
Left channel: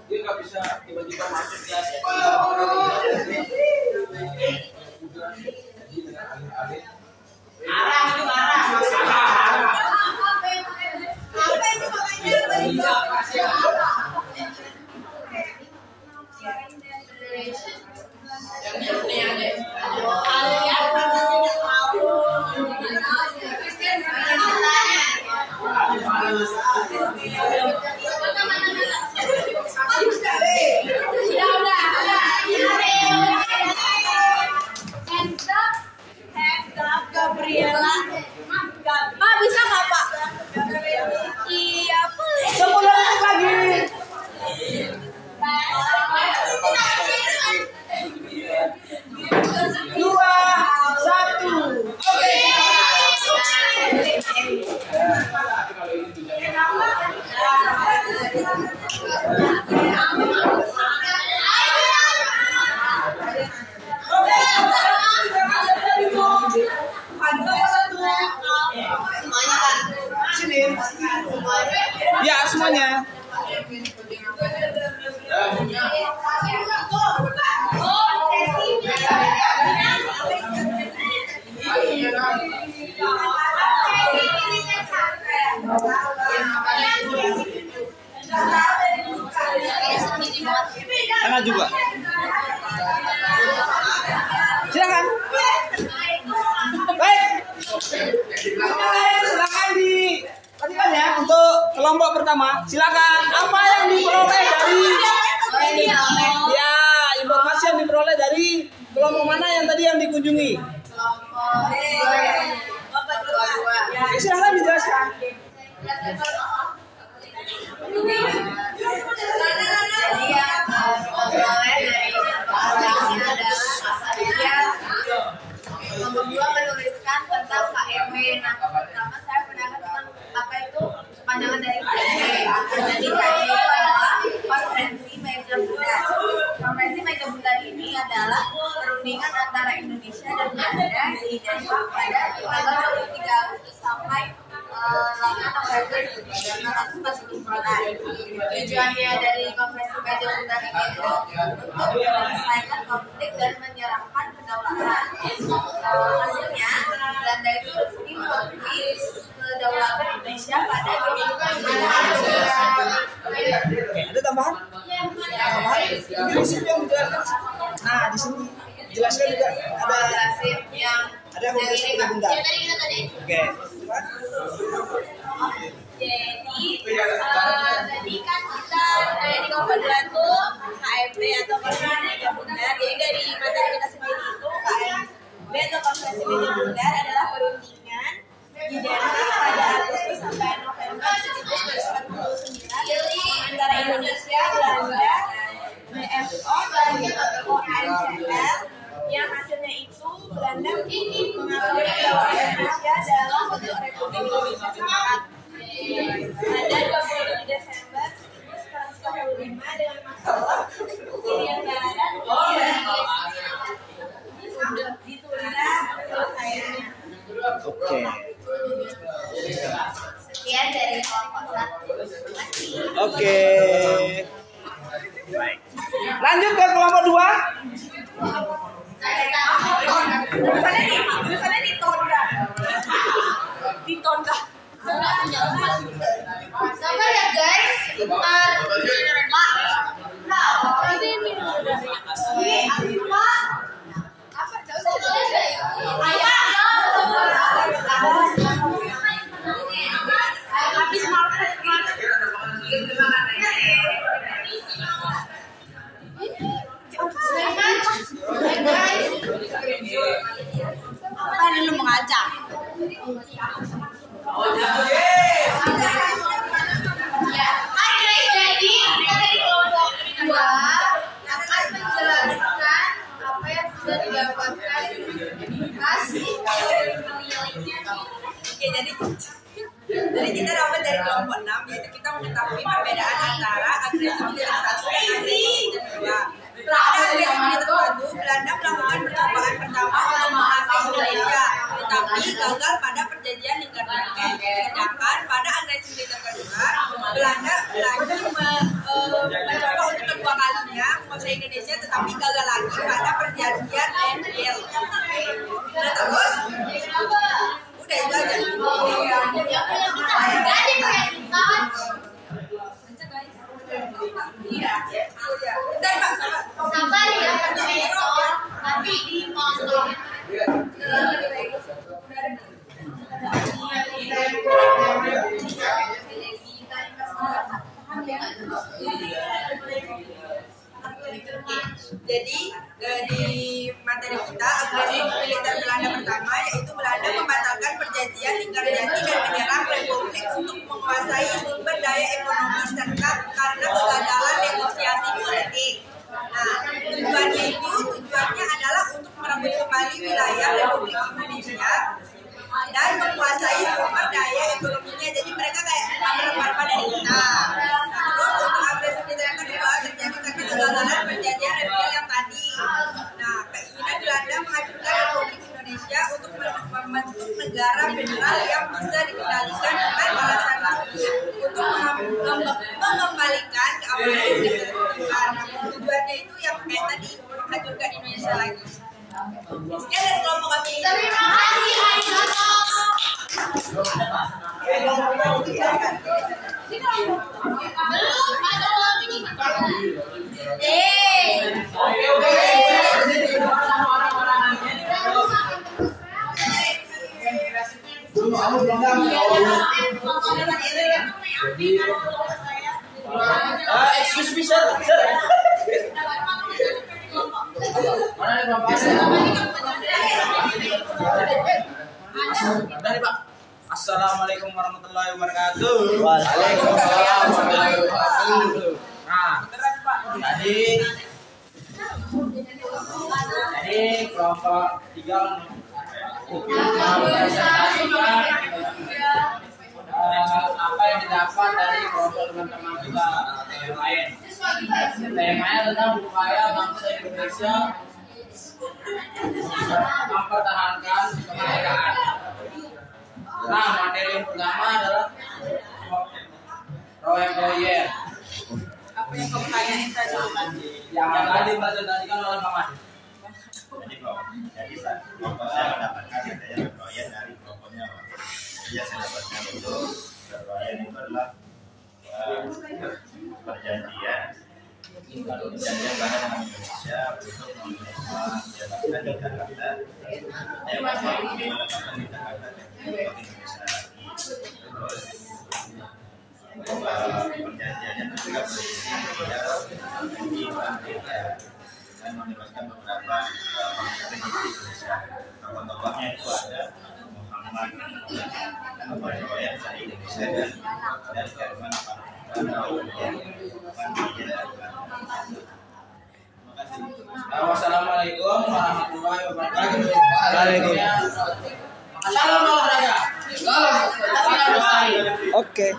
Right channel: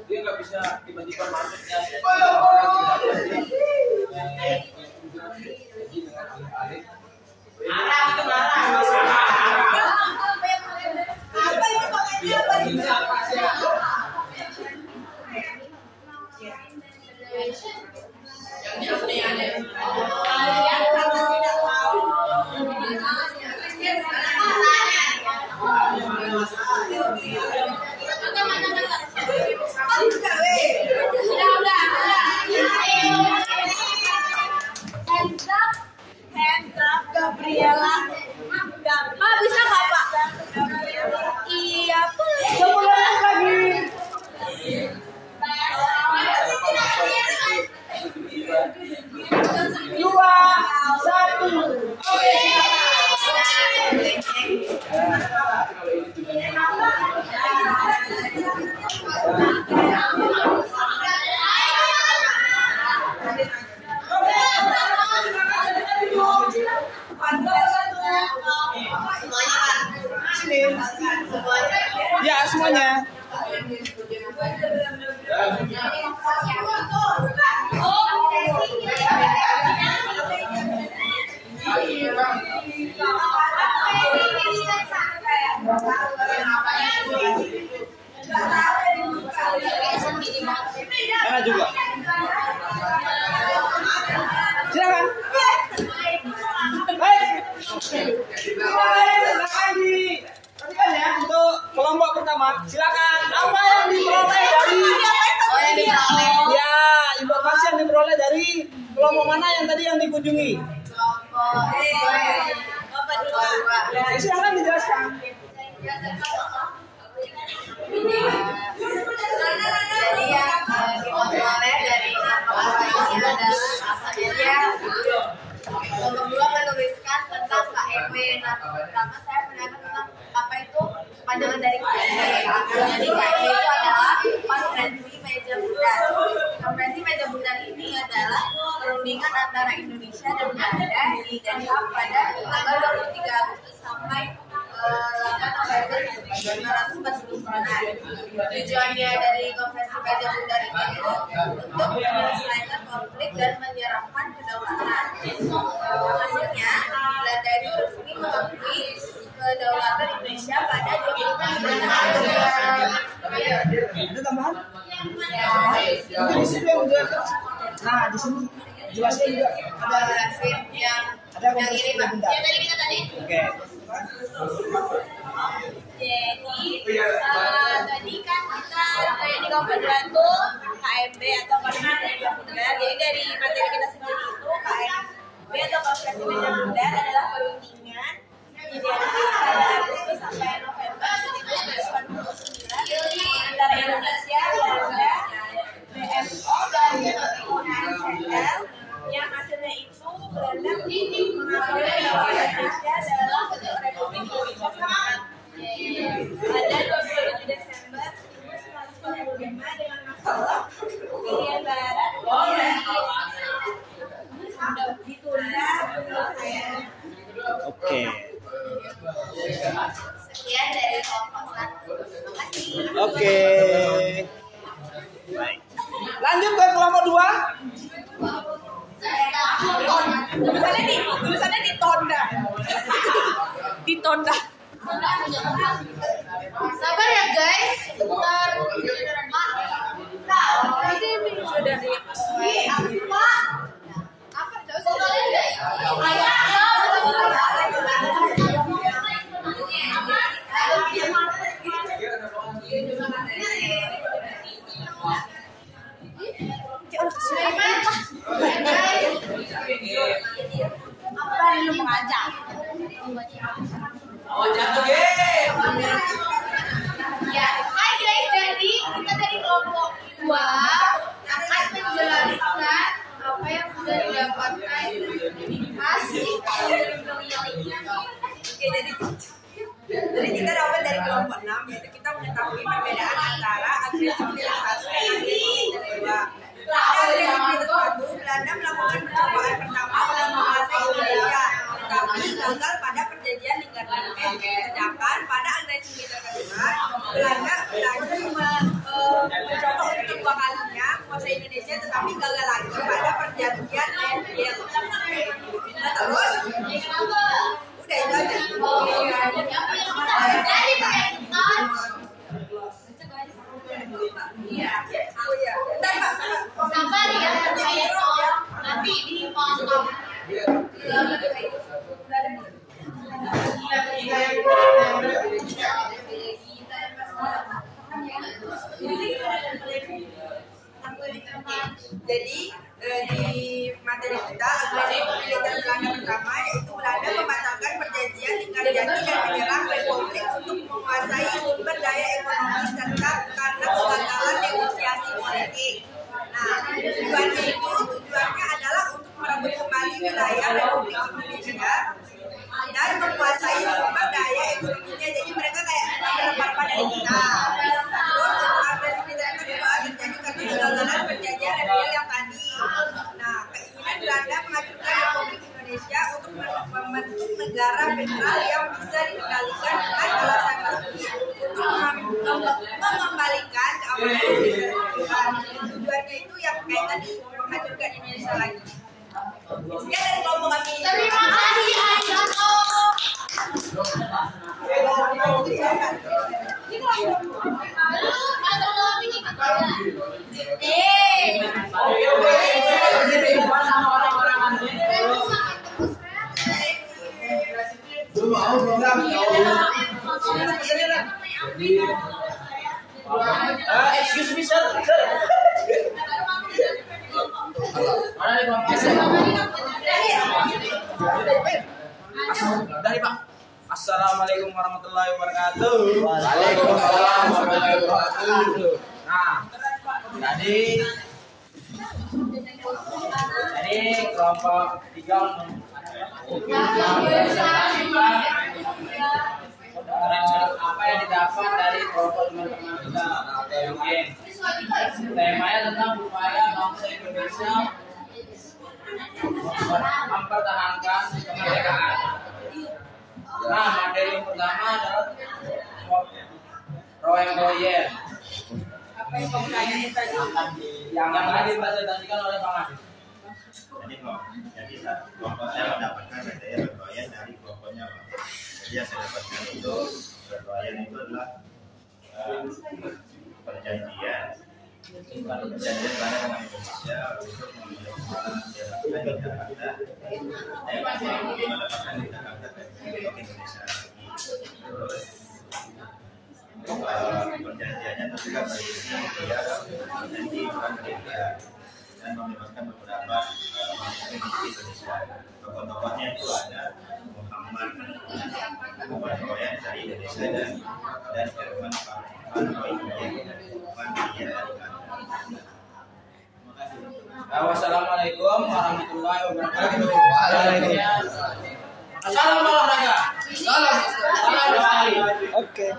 Dia nggak bisa tiba-tiba masuk ya. Arah itu arah. Hands up, Gabriela. Pak, bisa nggak Pak? Iya, Pak. 10 detik lagi. 2, 1. Oke. Sini. Ya, semuanya. Sana juga. Silakan. Baik. Silakan dipastikan ya untuk kelompok pertama. Silakan. Apa yang diperoleh dari? Ya, informasi yang diperoleh dari kelompok mana yang tadi yang dikunjungi? Silakan dijelaskan. Jadi yang kita peroleh dari kelompok ini adalah dia kelompok 2 menuliskan tentang KMB. Nah, pertama saya menanyakan tentang apa itu panjangan dari KMB. Jadi KMB itu adalah konferensi meja bundar. Konferensi meja bundar ini adalah perundingan antara Indonesia dan Belanda di Den Haag pada tanggal 23 Agustus sampai 8 November 1949. Tujuannya dari konferensi meja bundar ini itu untuk menyelesaikan konflik dan menyerahkan kedaulatan. Hasilnya, Belanda itu resmi mengakui kedaulatan Indonesia pada 25 November. Ada tambahan? Mungkin di sini yang menjelaskan. Nah, di sini jelaskan juga ada yang konferensi meja bundar. Ya tadi kita tadi. Oke. Jadi tadi kan kita di kelompok 2 tuh KMB atau konferensi meja bundar. Jadi dari materi kita sendiri itu KMB atau konferensi meja bundar adalah perundingan di Den Haag pada Agustus sampai November 1949 antara Indonesia, Belanda, BMO dan ONCL. Yang hasilnya itu Belanda mengakui bahwa Indonesia adalah bentuk Republik Indonesia Serikat pada 27 Desember 1945 dengan masalah Irian Barat ditunda penyelesaiannya. Oke. Sekian dari kelompok 1. Terima kasih. Oke. Baik. Lanjut ke kelompok 2. Tulisannya ditonda. Ditonda. Sabar ya guys. Bentar. Apa? Apa tadi lu mengajak? Ya, hai guys, jadi kita dari kelompok 2 akan menjelaskan apa yang sudah didapatkan hasil penilaiannya. Oke, jadi kita dapat dari kelompok 6, yaitu kita mengetahui perbedaan antara agresi militer 1 dan agresi militer 2. Pada agresi militer 1, Belanda melakukan percobaan pertama untuk menguasai Indonesia, tetapi gagal pada perjanjian Linggardanne. Sedangkan pada agresi militer kedua, Belanda lagi mencoba untuk kedua kalinya menguasai Indonesia, tetapi gagal lagi pada perjanjian Leyden. Nah, terus udah itu aja. Sabar ya, nanti dipotong. Jadi di materi kita agresi militer Belanda pertama yaitu Belanda membatalkan perjanjian Linggarjati dan menyerang Republik untuk menguasai sumber daya ekonomi serta karena kegagalan negosiasi politik. Nah, tujuannya adalah untuk merebut kembali wilayah Republik Indonesia dan menguasai sumber daya ekonominya. Jadi mereka kayak merebut dari kita. Terus untuk agresi militer yang kedua terjadi karena kegagalan perjanjian Reviel yang tadi. Nah, keinginan Belanda menghancurkan Republik Indonesia untuk membentuk negara federal yang bisa dikendalikan dengan alasan resmi untuk mengembalikan keamanan dan ketertiban. Tujuannya itu yang kayak tadi, menghancurkan Indonesia lagi. Sekian dari kelompok kami. Terima kasih Aisyah. Excuse me sir. Mana nih Pak? Udah nih Pak. Assalamualaikum warahmatullahi wabarakatuh. Waalaikumsalam warahmatullahi wabarakatuh. Nah, tadi kelompok 3 mempresentasikan apa yang didapat dari kelompok teman-teman kita yang lain. Temanya tentang upaya bangsa Indonesia mempertahankan kemerdekaan. Nah, materi yang pertama adalah Royal. Apa yang kamu tanyain tadi? Yang akan dipresentasikan oleh Bang Adit. Jadi kelompok saya mendapatkan adanya berroyan dari kelompoknya Pak. Jadi yang saya dapatkan itu berroyan itu adalah perjanjian Belanda dengan Indonesia untuk mendapatkan di Jakarta mendapatkan di Jakarta untuk Indonesia lagi. Terus perjanjiannya juga berisi dia menjadi Amerika dan membebaskan beberapa pemimpin di Indonesia. Tokoh-tokohnya itu ada Muhammad Royan dari Indonesia dan Herman Van Royen dari Belanda. Wassalamualaikum warahmatullahi wabarakatuh. Waalaikumsalam. Salam olahraga. Salam lestari. Oke.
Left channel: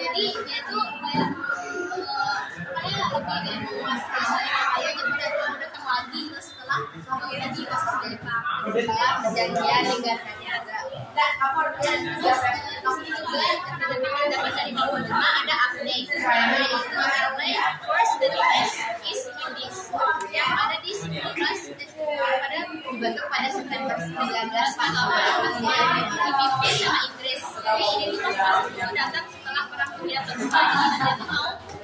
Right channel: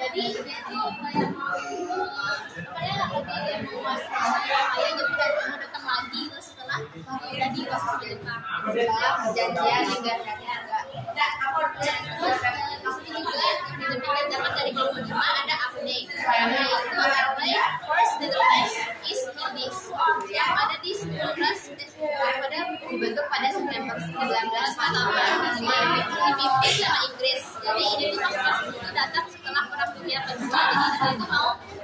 Jadi dia itu kayak lebih memuaskan saya jadi mau datang lagi itu setelah udah di kasus Jepang setelah perjanjian Linggarjati ada terus ini juga yang dapat dari kelompok 5 ada update yaitu update first the text is in this yang ada di 19 pada dibentuk pada September 1945 dipimpin sama Inggris. Jadi ini tuh pas itu datang setelah perang dunia kedua.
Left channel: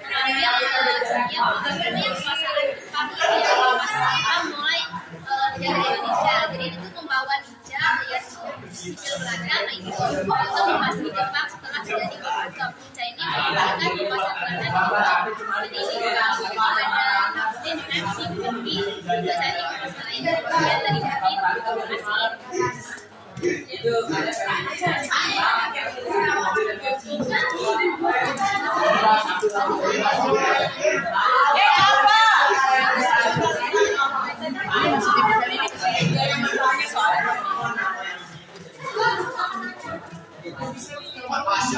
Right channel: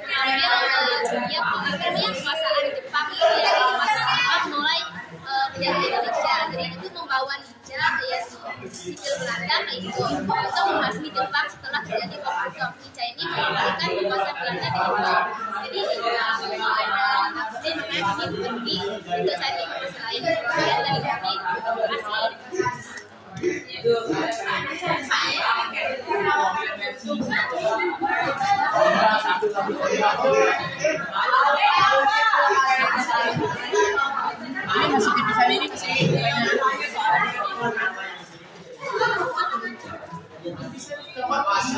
Jadi dia tuh mau mengambil kekuasaan Jepang ini pas Jepang mulai menjajah Indonesia. Jadi ini tuh membawa ninja yaitu sipil Belanda itu untuk memasuki Jepang setelah terjadi Bombardom. Ninja ini mengembalikan kekuasaan Belanda di Jepang. Jadi ada update namanya Simpergi itu saya lain bagian dari kami. Terima kasih.